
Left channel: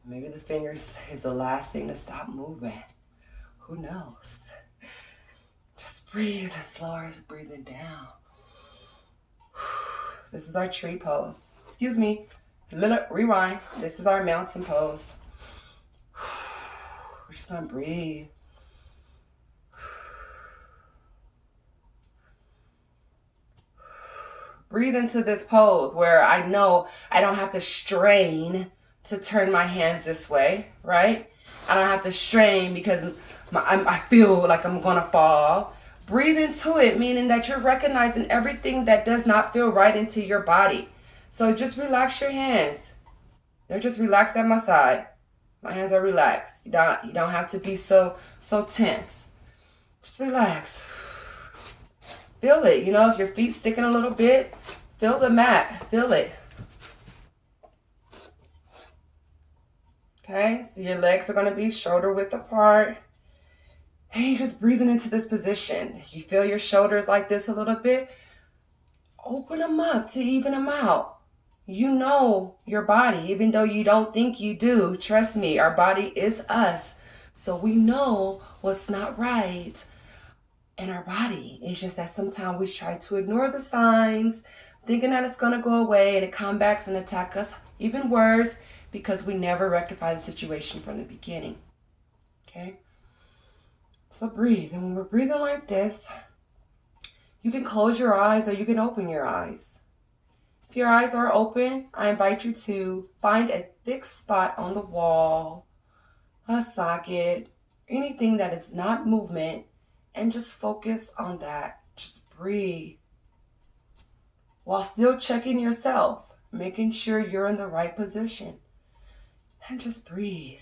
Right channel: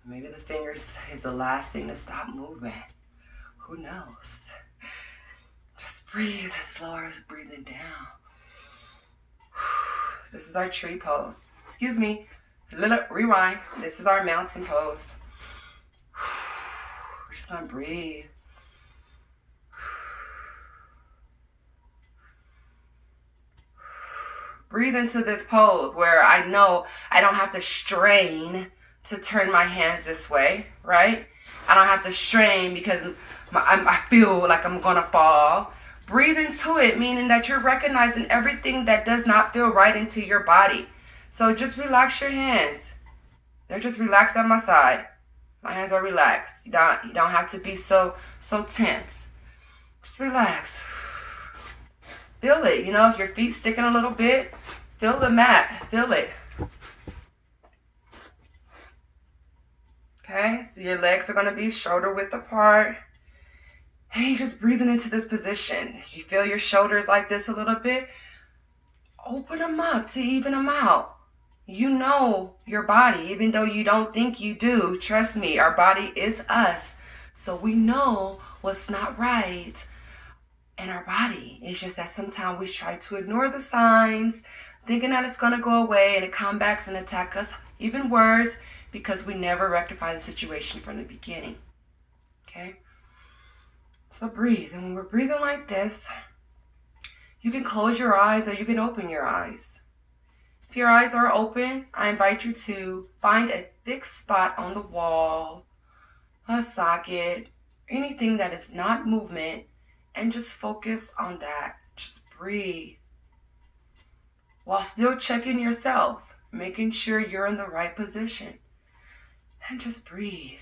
Maybe the fingers is the last thing to stop moving. Who knows? Just breathe and slow our breathing down. This is our tree pose. Excuse me. Little rewind. This is our mountain pose. We're just gonna breathe. Breathe into this pose where I know I don't have to strain to turn my hands this way, right? I don't have to strain because I feel like I'm gonna fall. Breathe into it, meaning that you're recognizing everything that does not feel right into your body. So just relax your hands. They're just relaxed on my side. My hands are relaxed. You don't have to be so tense. Just relax. Feel it. You know, if your feet's sticking a little bit, feel the mat. Feel it. Okay, so your legs are going to be shoulder width apart. And you're just breathing into this position. If you feel your shoulders like this a little bit, open them up to even them out. You know your body, even though you don't think you do. Trust me, our body is us. So we know what's not right in our body. It's just that sometimes we try to ignore the signs, thinking that it's going to go away, and it comes back and attack us even worse because we never rectify the situation from the beginning. Okay? So breathe. And when we're breathing like this, you can close your eyes or you can open your eyes. If your eyes are open, I invite you to find a fixed spot on the wall, a socket, anything that is not movement, and just focus on that. Just breathe. While still checking yourself, making sure you're in the right position. And just breathe.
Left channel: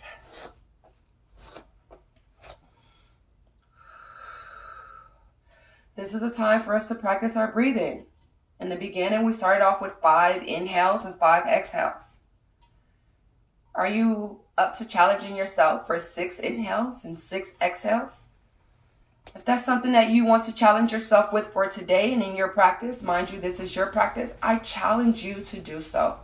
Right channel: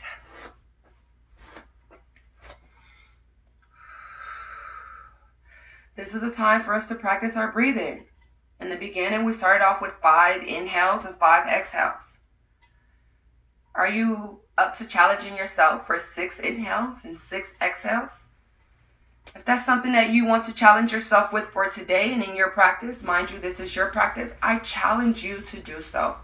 This is a time for us to practice our breathing. In the beginning, we started off with 5 inhales and 5 exhales. Are you up to challenging yourself for 6 inhales and 6 exhales? If that's something that you want to challenge yourself with for today and in your practice, mind you, this is your practice, I challenge you to do so.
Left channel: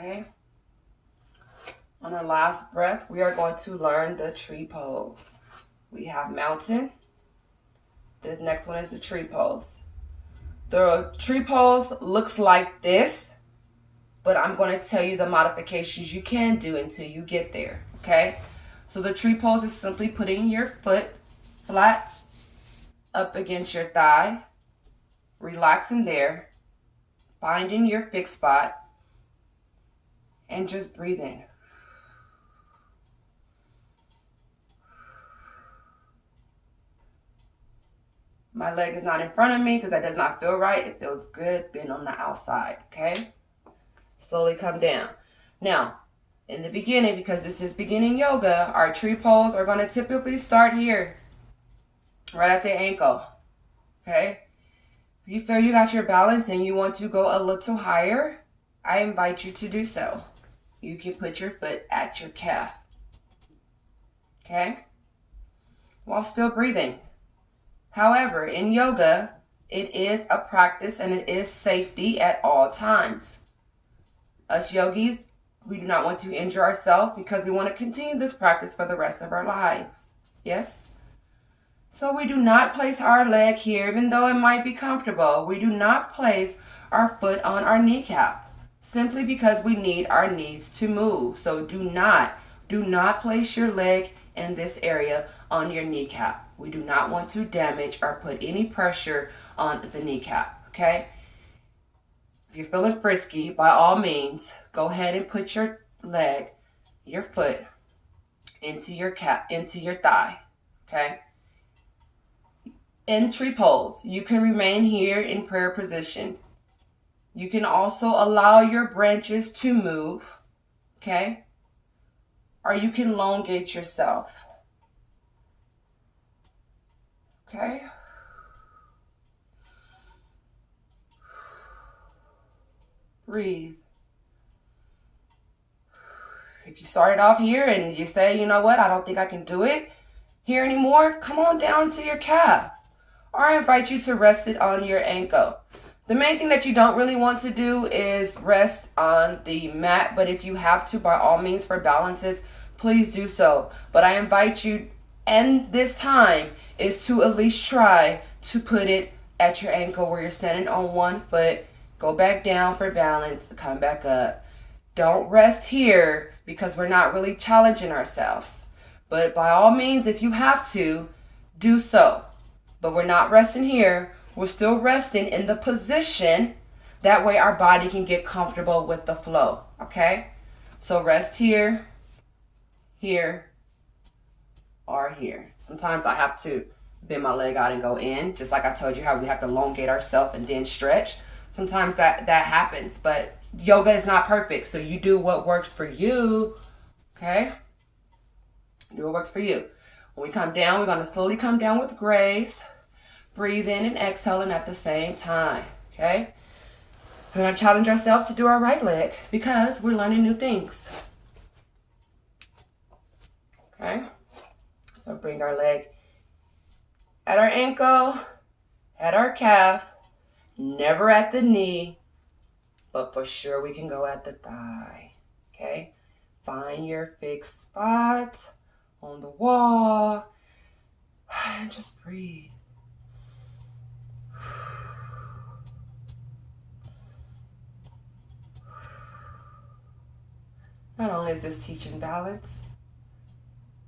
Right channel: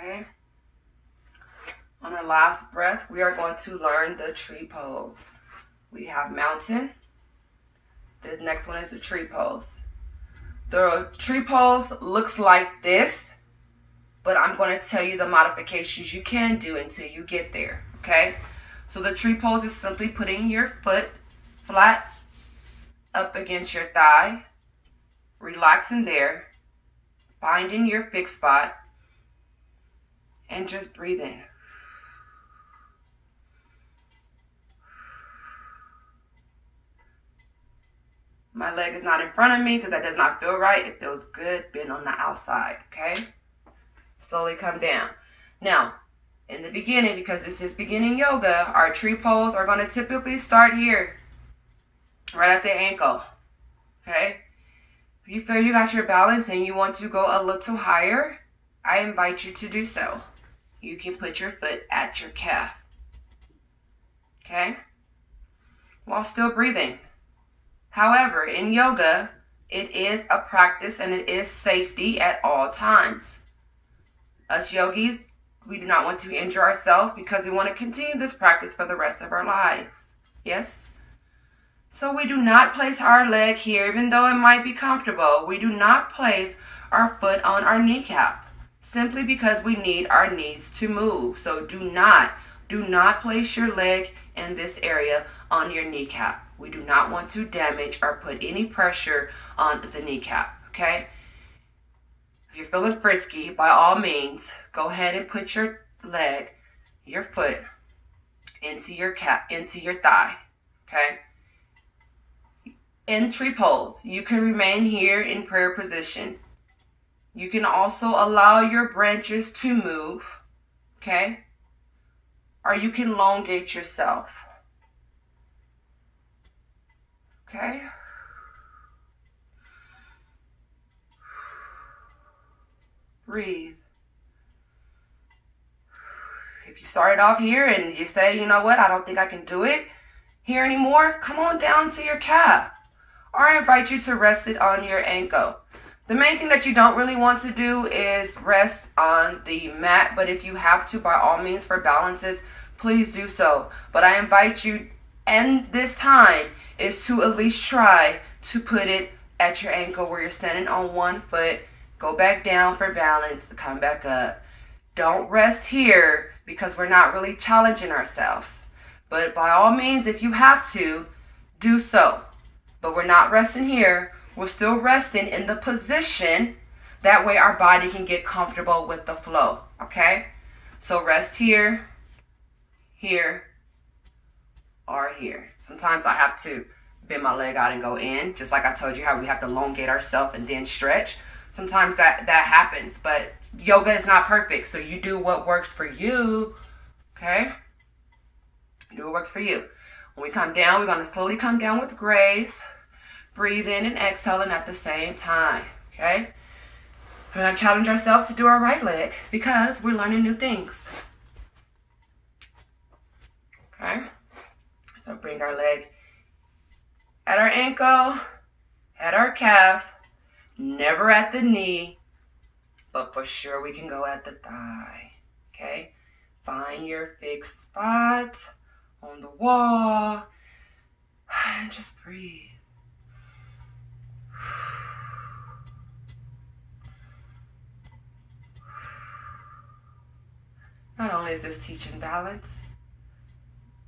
Okay. On our last breath, we are going to learn the tree pose. We have mountain. The next one is the tree pose. The tree pose looks like this, but I'm going to tell you the modifications you can do until you get there, okay? So the tree pose is simply putting your foot flat up against your thigh, relaxing there, finding your fixed spot, and just breathe in. My leg is not in front of me because that does not feel right. It feels good being on the outside, okay? Slowly come down. Now, in the beginning, because this is beginning yoga, our tree pose are going to typically start here, right at the ankle, okay? If you feel you got your balance and you want to go a little higher, I invite you to do so. You can put your foot at your calf, okay? While still breathing. However, in yoga, it is a practice and it is safety at all times. Us yogis, we do not want to injure ourselves because we want to continue this practice for the rest of our lives. Yes? So we do not place our leg here, even though it might be comfortable. We do not place our foot on our kneecap, simply because we need our knees to move. So do not place your leg in this area on your kneecap. We do not want to damage or put any pressure on the kneecap, okay? If you're feeling frisky, by all means, go ahead and put your leg, your foot, into your thigh, okay? In tree pose, you can remain here in prayer position. You can also allow your branches to move, okay? Or you can elongate yourself. Okay. Breathe. If you started off here and you say, you know what, I don't think I can do it here anymore, come on down to your calf. Or I invite you to rest it on your ankle. The main thing that you don't really want to do is rest on the mat, but if you have to, by all means, for balances, please do so. But I invite you, and this time, is to at least try to put it at your ankle where you're standing on one foot. Go back down for balance, come back up. Don't rest here because we're not really challenging ourselves. But by all means, if you have to, do so. But we're not resting here. We're still resting in the position. That way our body can get comfortable with the flow, okay? So rest here, here, or here. Sometimes I have to bend my leg out and go in, just like I told you how we have to elongate ourselves and then stretch. Sometimes that happens, but yoga is not perfect, so you do what works for you, okay? Do what works for you. When we come down, we're going to slowly come down with grace. Breathe in and exhaling at the same time, okay? We're going to challenge ourselves to do our right leg because we're learning new things, okay? So bring our leg at our ankle, at our calf, never at the knee, but for sure we can go at the thigh, okay? Find your fixed spot on the wall and just breathe. Not only is this teaching balance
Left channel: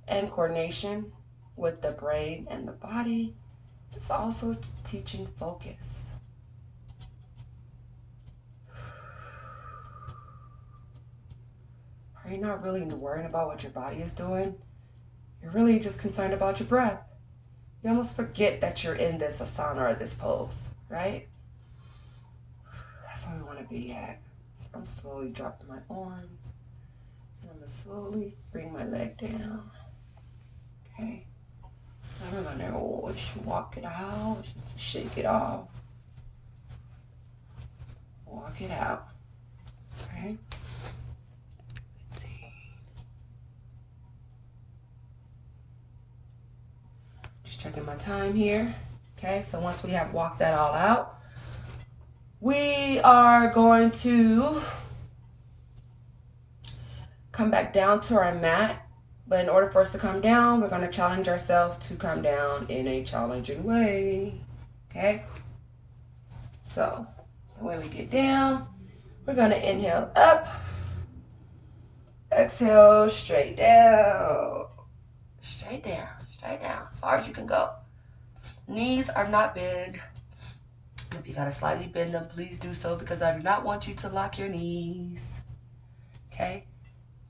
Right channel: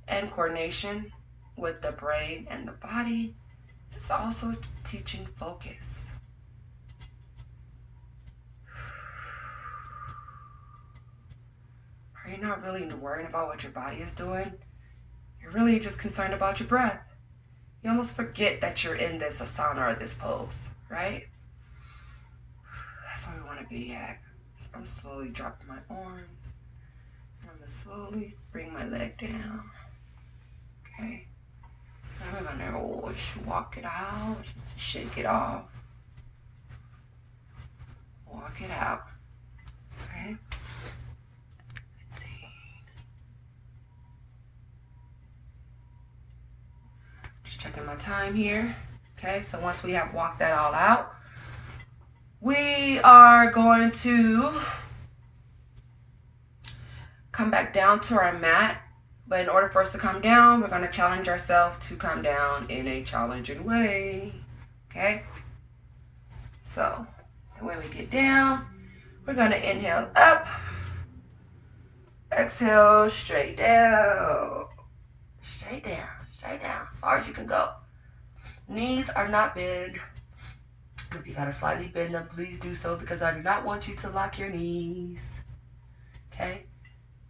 and coordination with the brain and the body, it's also teaching focus. Are you not really worrying about what your body is doing? You're really just concerned about your breath. You almost forget that you're in this asana or this pose, right? That's where we want to be at. So I'm slowly dropping my arms. And I'm going to slowly bring my leg down. Okay? And we're going to walk it out, just shake it off. Walk it out. Okay? 15. Just checking my time here. Okay, so once we have walked that all out, we are going to come back down to our mat. But in order for us to come down, we're going to challenge ourselves to come down in a challenging way. Okay? So, when we get down, we're going to inhale up. Exhale, straight down. Straight down. Straight down. As far as you can go. Knees are not bent. If you got to slightly bend them, please do so, because I do not want you to lock your knees. Okay?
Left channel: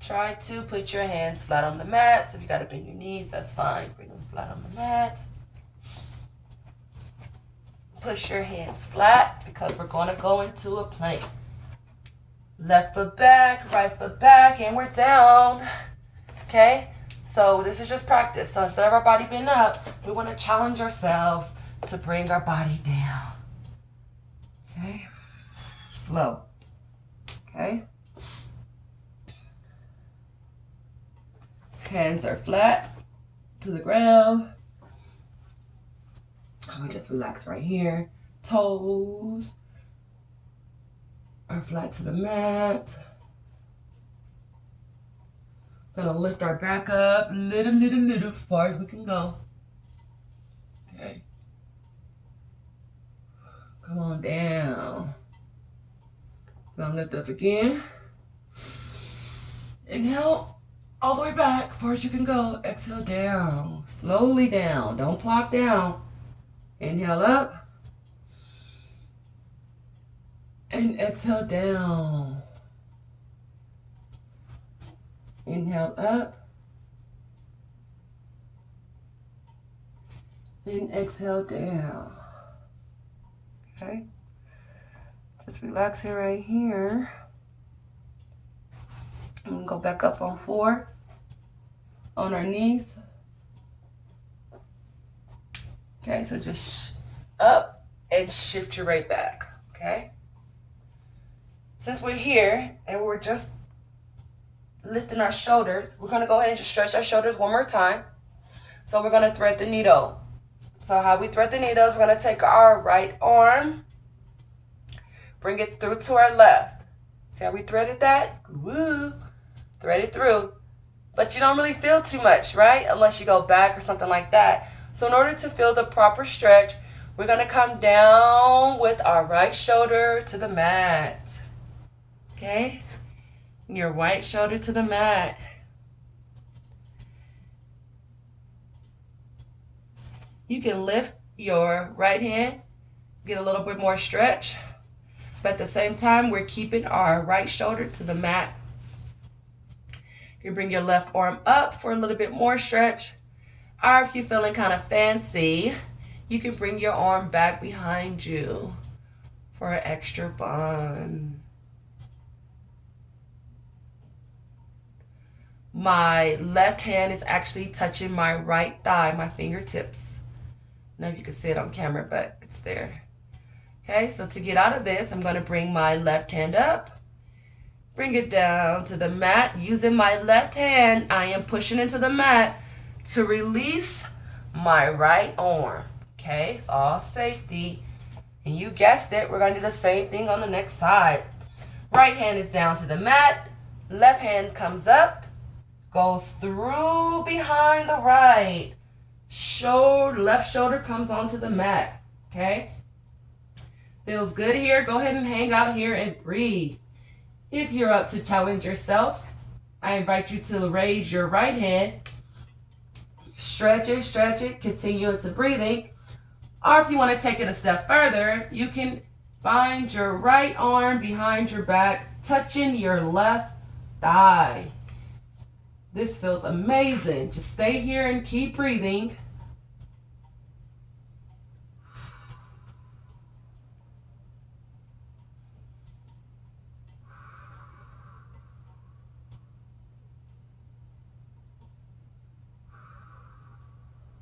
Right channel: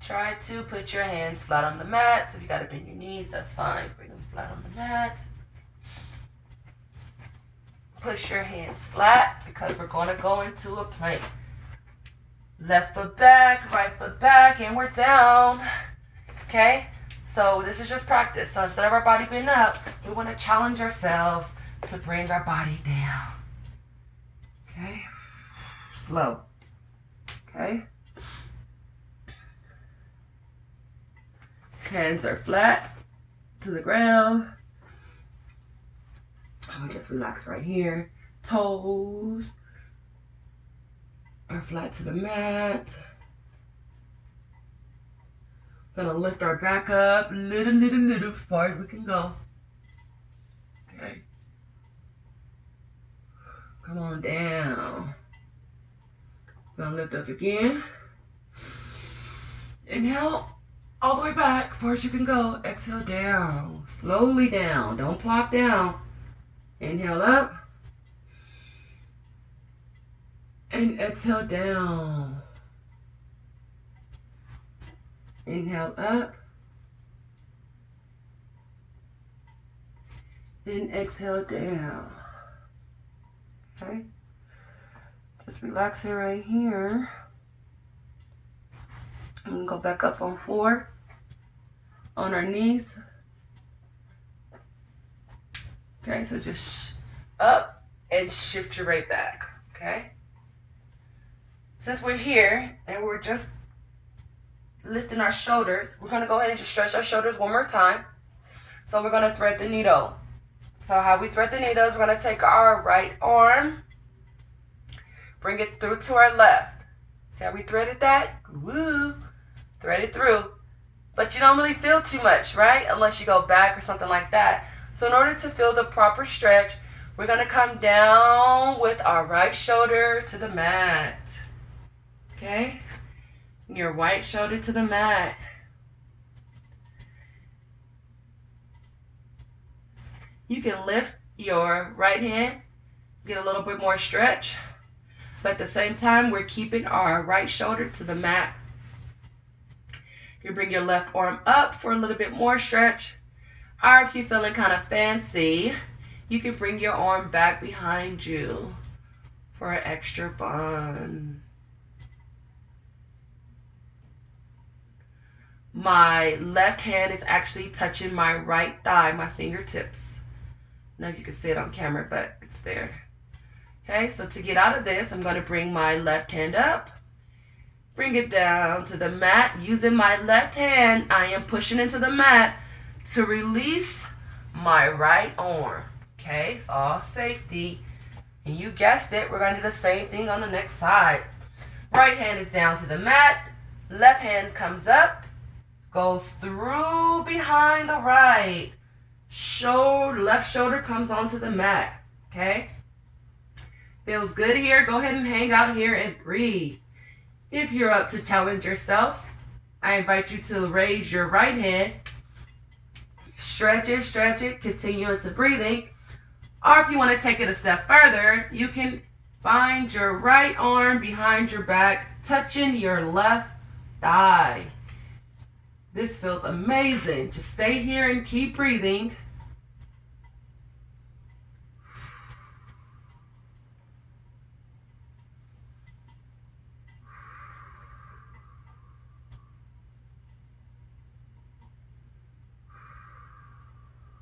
Try to put your hands flat on the mat. So if you got to bend your knees, that's fine. Bring them flat on the mat. Push your hands flat, because we're going to go into a plank. Left foot back, right foot back, and we're down. Okay? So this is just practice. So instead of our body being up, we want to challenge ourselves to bring our body down. Okay? Slow. Okay? Hands are flat to the ground. We just relax right here. Toes are flat to the mat. Gonna lift our back up little, as far as we can go. Okay. Come on down. Gonna lift up again. Inhale. All the way back, as far as you can go. Exhale down. Slowly down. Don't plop down. Inhale up. And exhale down. Inhale up. And exhale down. Okay? Just relaxing right here. I'm going to go back up on 4s. On our knees. Okay, so just up and shift your weight back. Okay? Since we're here and we're just lifting our shoulders, we're going to go ahead and just stretch our shoulders one more time. So we're going to thread the needle. So how we thread the needle is we're going to take our right arm, bring it through to our left. See how we threaded that? Woo! Thread it through. But you don't really feel too much, right? Unless you go back or something like that. So in order to feel the proper stretch, we're going to come down with our right shoulder to the mat. Okay? Your right shoulder to the mat. You can lift your right hand, get a little bit more stretch. But at the same time, we're keeping our right shoulder to the mat. You bring your left arm up for a little bit more stretch. Or if you're feeling kind of fancy, you can bring your arm back behind you for an extra bun. My left hand is actually touching my right thigh, my fingertips. I don't know if you can see it on camera, but it's there. Okay, so to get out of this, I'm going to bring my left hand up. Bring it down to the mat. Using my left hand, I am pushing into the mat to release my right arm. Okay, it's all safety. And you guessed it, we're going to do the same thing on the next side. Right hand is down to the mat. Left hand comes up, goes through behind the right. Left shoulder comes onto the mat. Okay? Feels good here. Go ahead and hang out here and breathe. If you're up to challenge yourself, I invite you to raise your right hand. Stretch it, continue into breathing. Or if you want to take it a step further, you can find your right arm behind your back, touching your left thigh. This feels amazing. Just stay here and keep breathing.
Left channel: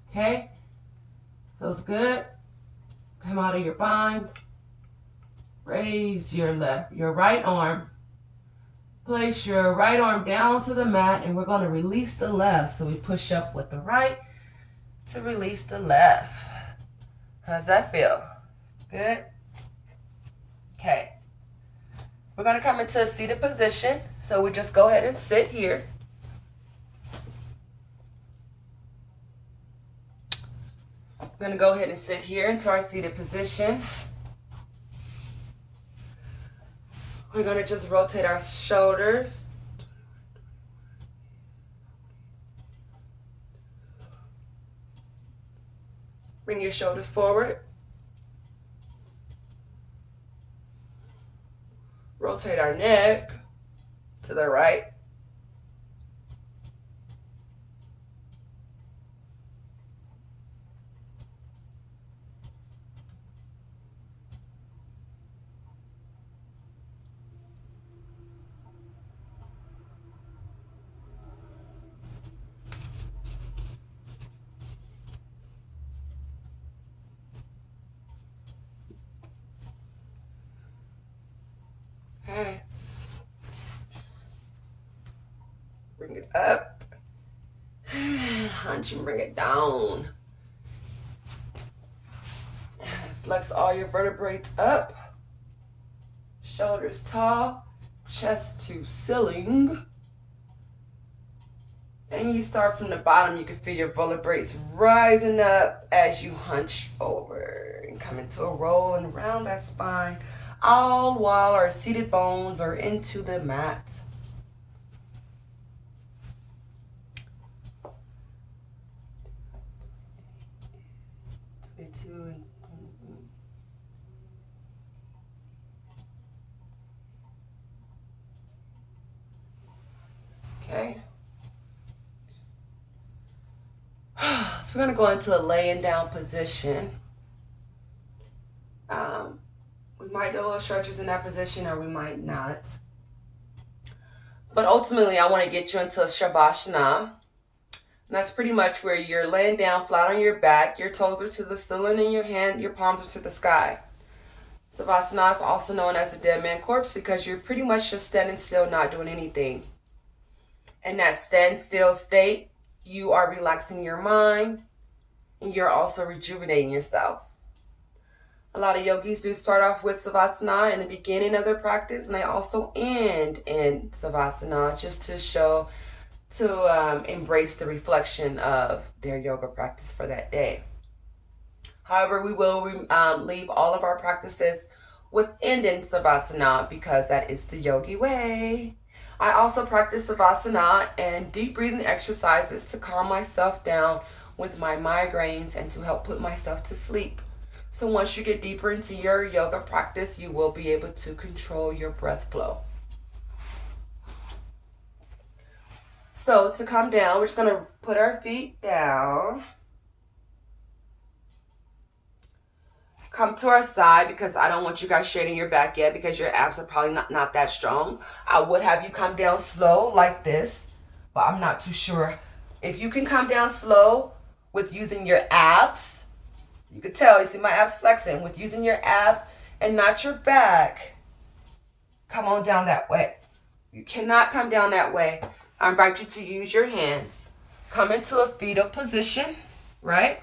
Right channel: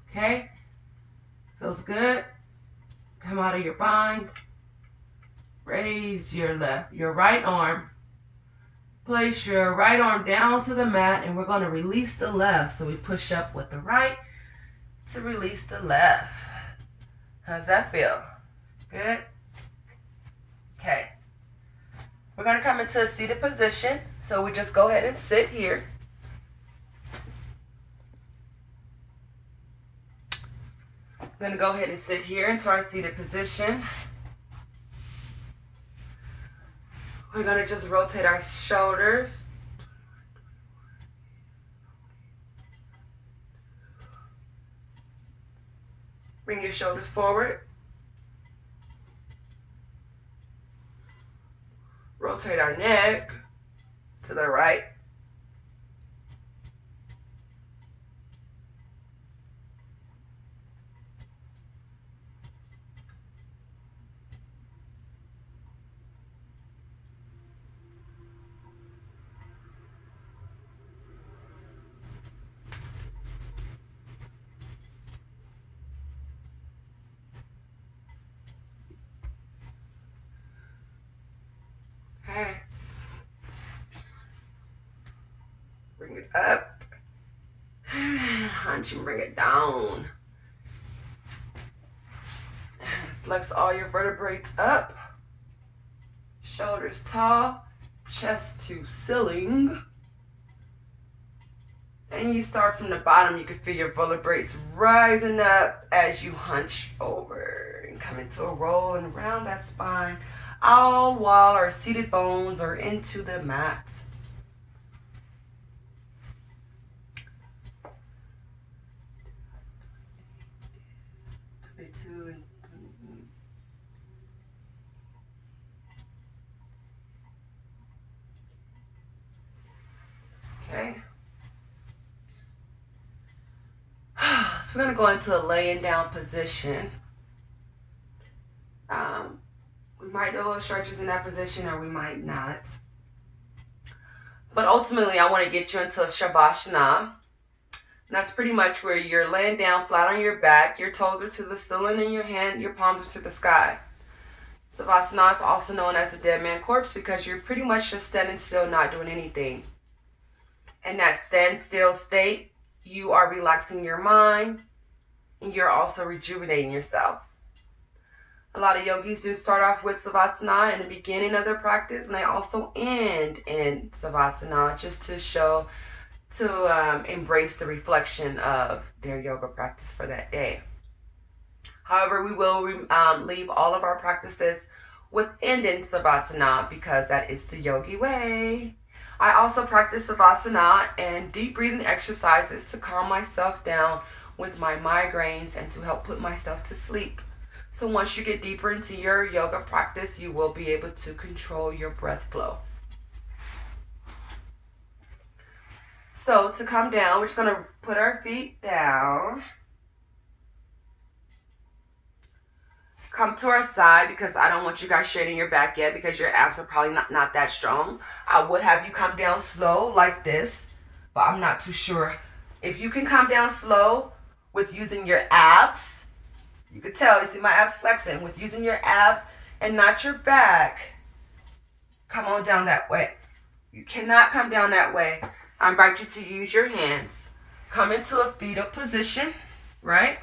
Okay? Feels good. Come out of your bind. Raise your right arm. Place your right arm down to the mat, and we're going to release the left. So we push up with the right to release the left. How's that feel? Good? Okay. We're going to come into a seated position. So we just go ahead and sit here. I'm going to go ahead and sit here into our seated position. We're going to just rotate our shoulders. Bring your shoulders forward. Rotate our neck to the right. Okay. Bring it up. Hunch and bring it down. Flex all your vertebrae up. Shoulders tall. Chest to ceiling. And you start from the bottom. You can feel your vertebrae rising up as you hunch over and come into a roll and around that spine, all while our seated bones are into the mat. Okay. So we're going to go into a laying down position. We might do a little stretches in that position or we might not. But ultimately, I want to get you into a Shavasana. And that's pretty much where you're laying down flat on your back. Your toes are to the ceiling and your palms are to the sky. Savasana is also known as the dead man corpse because you're pretty much just standing still, not doing anything. In that standstill state, you are relaxing your mind and you're also rejuvenating yourself. A lot of yogis do start off with Savasana in the beginning of their practice, and they also end in Savasana just to show, to embrace the reflection of their yoga practice for that day. However, we will leave all of our practices with ending Savasana because that is the yogi way. I also practice Savasana and deep breathing exercises to calm myself down with my migraines and to help put myself to sleep. So once you get deeper into your yoga practice, you will be able to control your breath flow. So to come down, we're just going to put our feet down. Come to our side because I don't want you guys straightening your back yet because your abs are probably not that strong. I would have you come down slow like this, but I'm not too sure. If you can come down slow with using your abs, you can tell, you see my abs flexing, with using your abs and not your back. Come on down that way. You cannot come down that way. I invite you to use your hands. Come into a fetal position, right?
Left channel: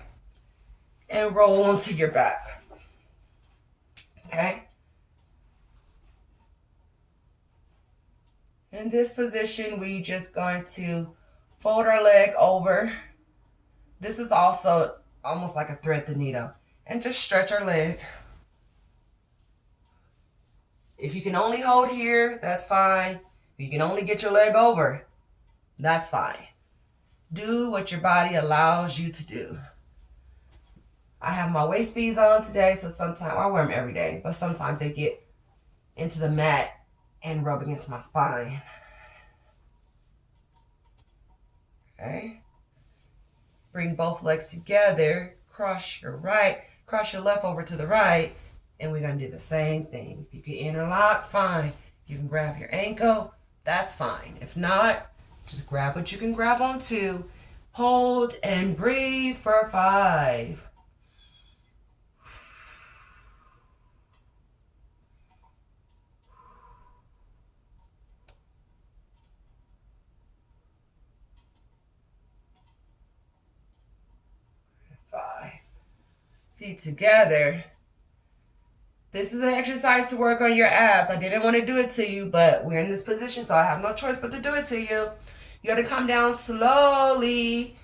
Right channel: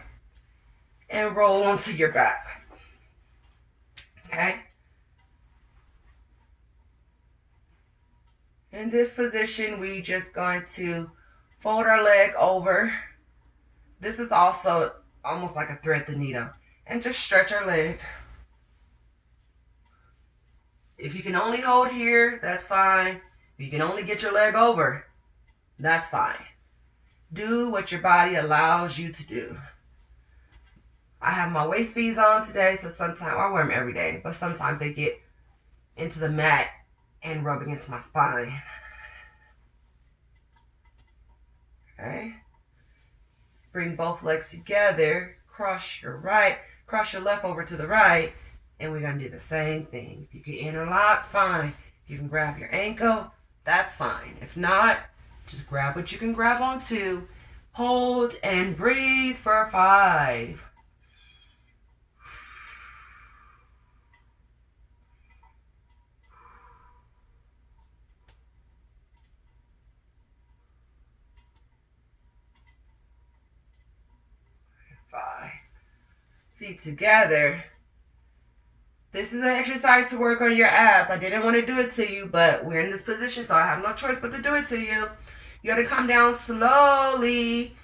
And roll onto your back. Okay? In this position, we just going to fold our leg over. This is also almost like a thread the needle. And just stretch our leg. If you can only hold here, that's fine. If you can only get your leg over, that's fine. Do what your body allows you to do. I have my waist beads on today, so sometimes I wear them every day, but sometimes they get into the mat and rub against my spine. Okay. Bring both legs together. Cross your left over to the right, and we're going to do the same thing. If you can interlock, fine. If you can grab your ankle, that's fine. If not, just grab what you can grab onto. Hold and breathe for 5. 5. Feet together. This is an exercise to work on your abs. I didn't want to do it to you, but we're in this position, so I have no choice but to do it to you. You got to come down slowly,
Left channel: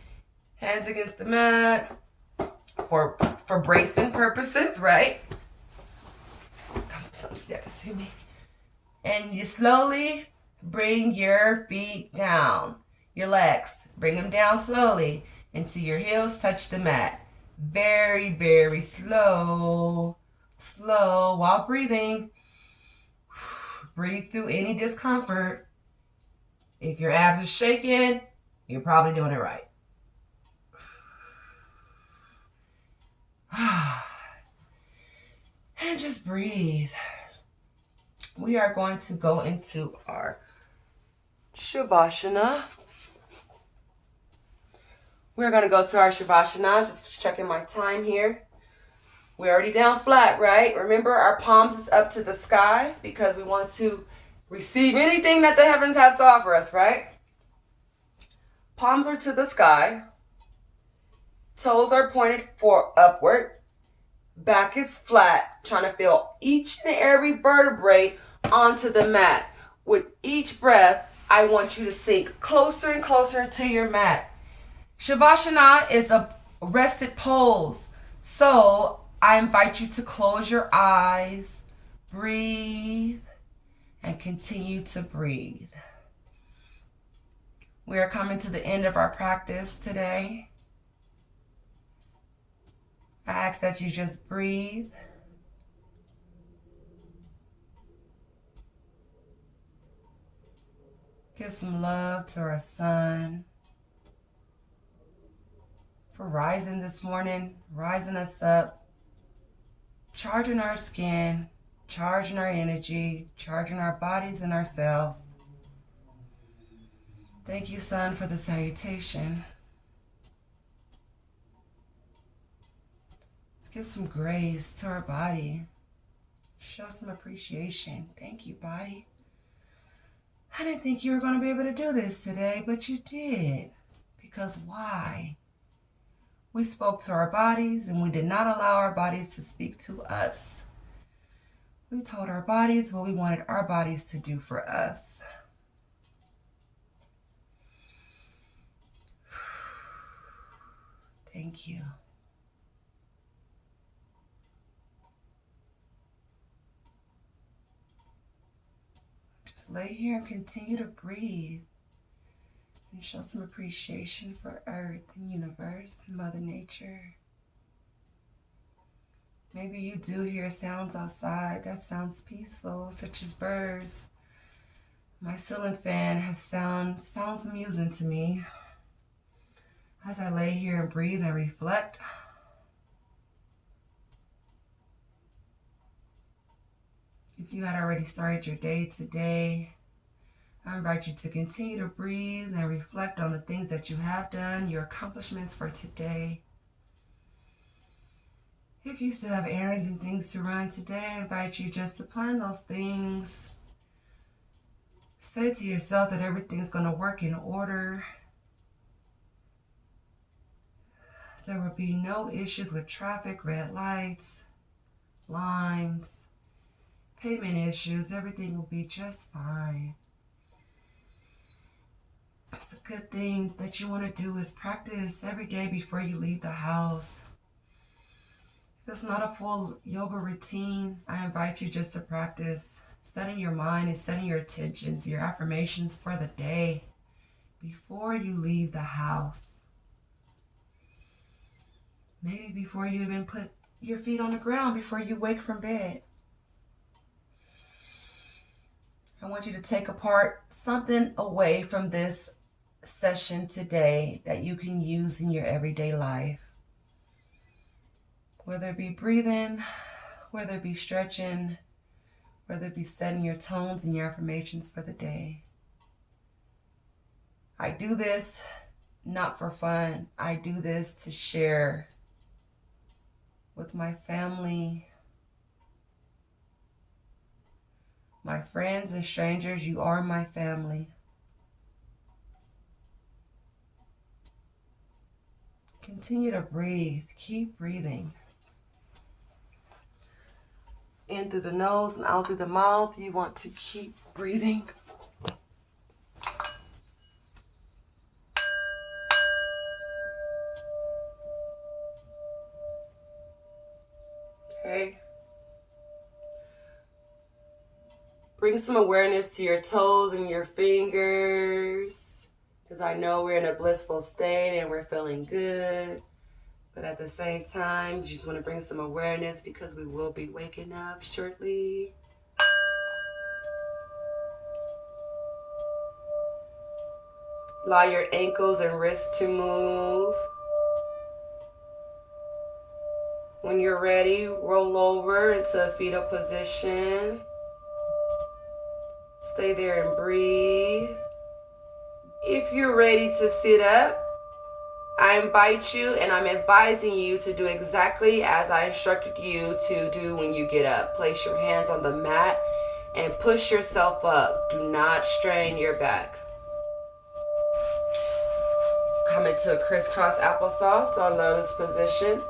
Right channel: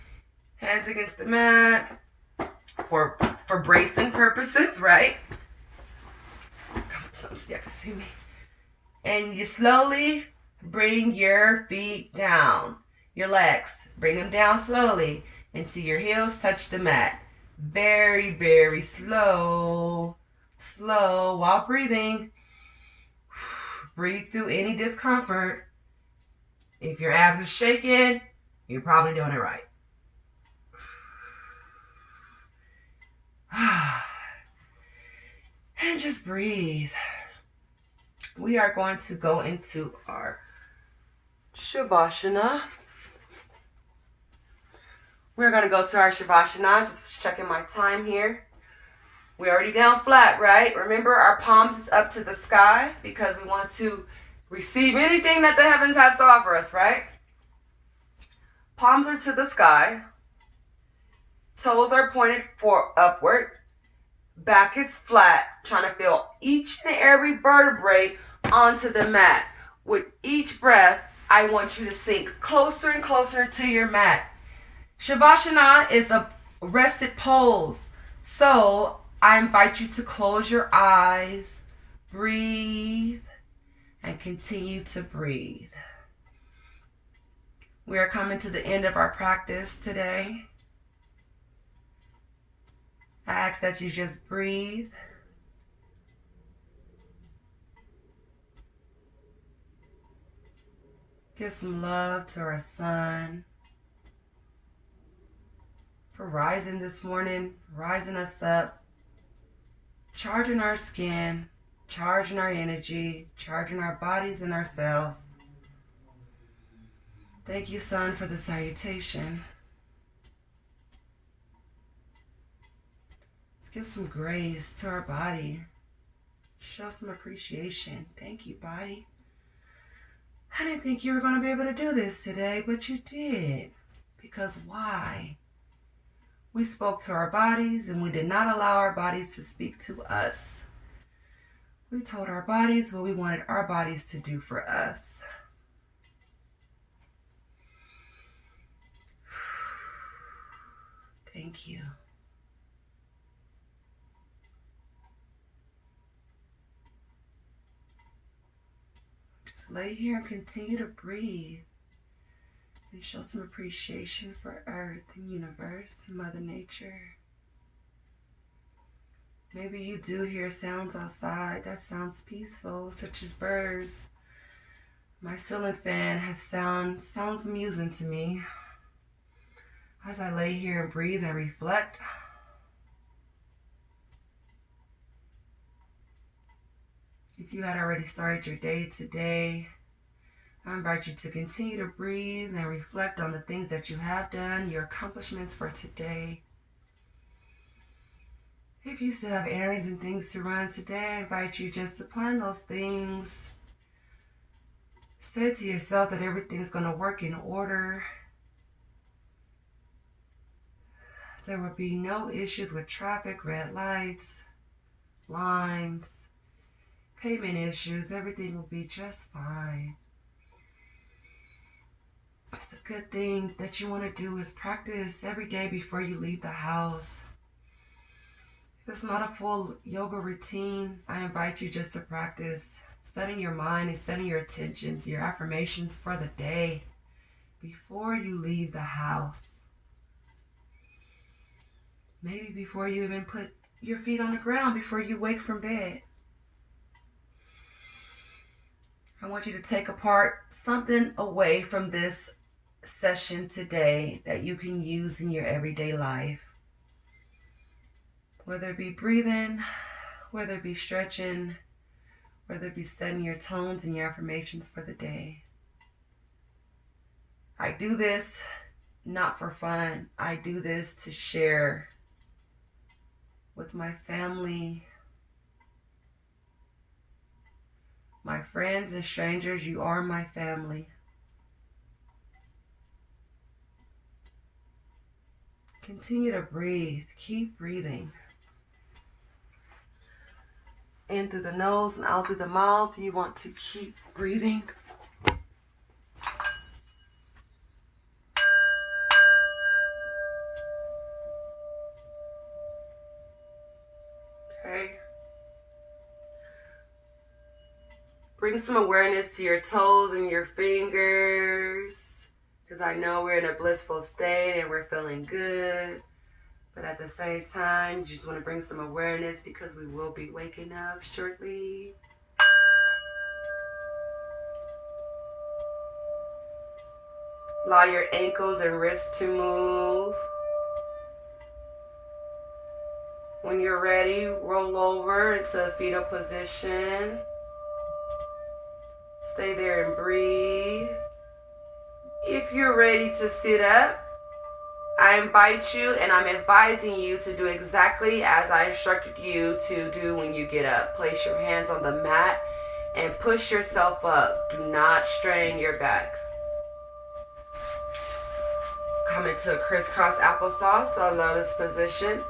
hands against the mat, for bracing purposes, right? Come up so you can see me. And you slowly bring your feet down, your legs. Bring them down slowly until your heels touch the mat. Very, very slow. Slow while breathing. Breathe through any discomfort. If your abs are shaking, you're probably doing it right. And just breathe. We are going to go into our Shavasana. We're going to go to our Shavasana. Just checking my time here. We're already down flat, right? Remember, our palms is up to the sky because we want to receive anything that the heavens has to offer us, right? Palms are to the sky. Toes are pointed upward. Back is flat, trying to feel each and every vertebrae onto the mat. With each breath, I want you to sink closer and closer to your mat. Shavasana is a rested pose, so I invite you to close your eyes, breathe, and continue to breathe. We are coming to the end of our practice today. I ask that you just breathe. Give some love to our sun for rising this morning, rising us up, charging our skin, charging our energy, charging our bodies and our cells. Thank you, sun, for the salutation. Let's give some grace to our body. Show some appreciation. Thank you, body. I didn't think you were going to be able to do this today, but you did. Because why? We spoke to our bodies and we did not allow our bodies to speak to us. We told our bodies what we wanted our bodies to do for us. Thank you. Just lay here and continue to breathe and show some appreciation for Earth and universe and Mother Nature. Maybe you do hear sounds outside that sounds peaceful, such as birds. My ceiling fan has sounds amusing to me. As I lay here and breathe and reflect, if you had already started your day today, I invite you to continue to breathe and reflect on the things that you have done, your accomplishments for today. If you still have errands and things to run today, I invite you just to plan those things. Say to yourself that everything is going to work in order. There will be no issues with traffic, red lights, lines, payment issues. Everything will be just fine. It's a good thing that you want to do is practice every day before you leave the house. If it's not a full yoga routine, I invite you just to practice setting your mind and setting your intentions, your affirmations for the day before you leave the house. Maybe before you even put your feet on the ground, before you wake from bed. I want you to take apart something away from this session today that you can use in your everyday life. Whether it be breathing, whether it be stretching, whether it be setting your tones and your affirmations for the day. I do this not for fun. I do this to share with my family, my friends and strangers. You are my family. Continue to breathe. Keep breathing. in through the nose and out through the mouth. You want to keep breathing. Okay. Bring some awareness to your toes and your fingers, because I know we're in a blissful state and we're feeling good. But at the same time, you just want to bring some awareness because we will be waking up shortly. Allow your ankles and wrists to move. When you're ready, roll over into a fetal position. Stay there and breathe. If you're ready to sit up, I invite you and I'm advising you to do exactly as I instructed you to do when you get up. Place your hands on the mat and push yourself up. Do not strain your back. Come into a crisscross applesauce or lotus position.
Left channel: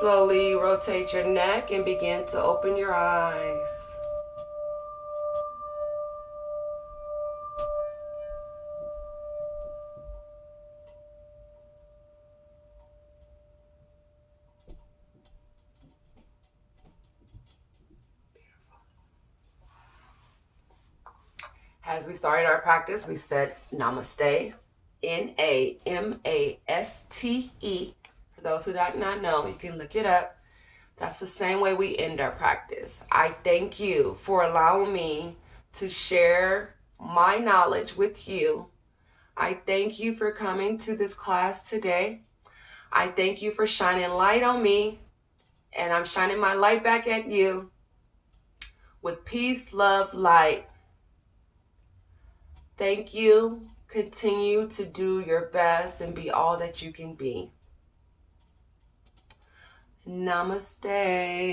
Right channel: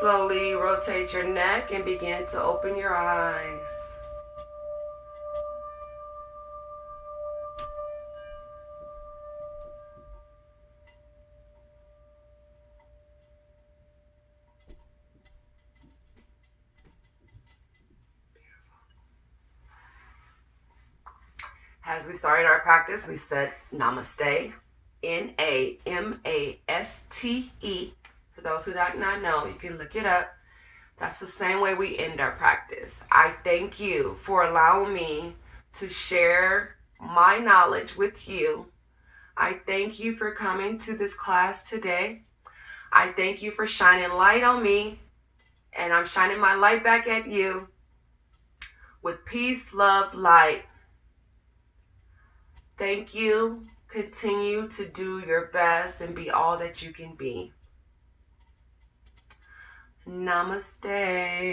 Slowly rotate your neck and begin to open your eyes. As we started our practice, we said Namaste, N-A-M-A-S-T-E. For those who do not know, you can look it up. That's the same way we end our practice. I thank you for allowing me to share my knowledge with you. I thank you for coming to this class today. I thank you for shining light on me, and I'm shining my light back at you with peace, love, light. Thank you. Continue to do your best and be all that you can be. Namaste.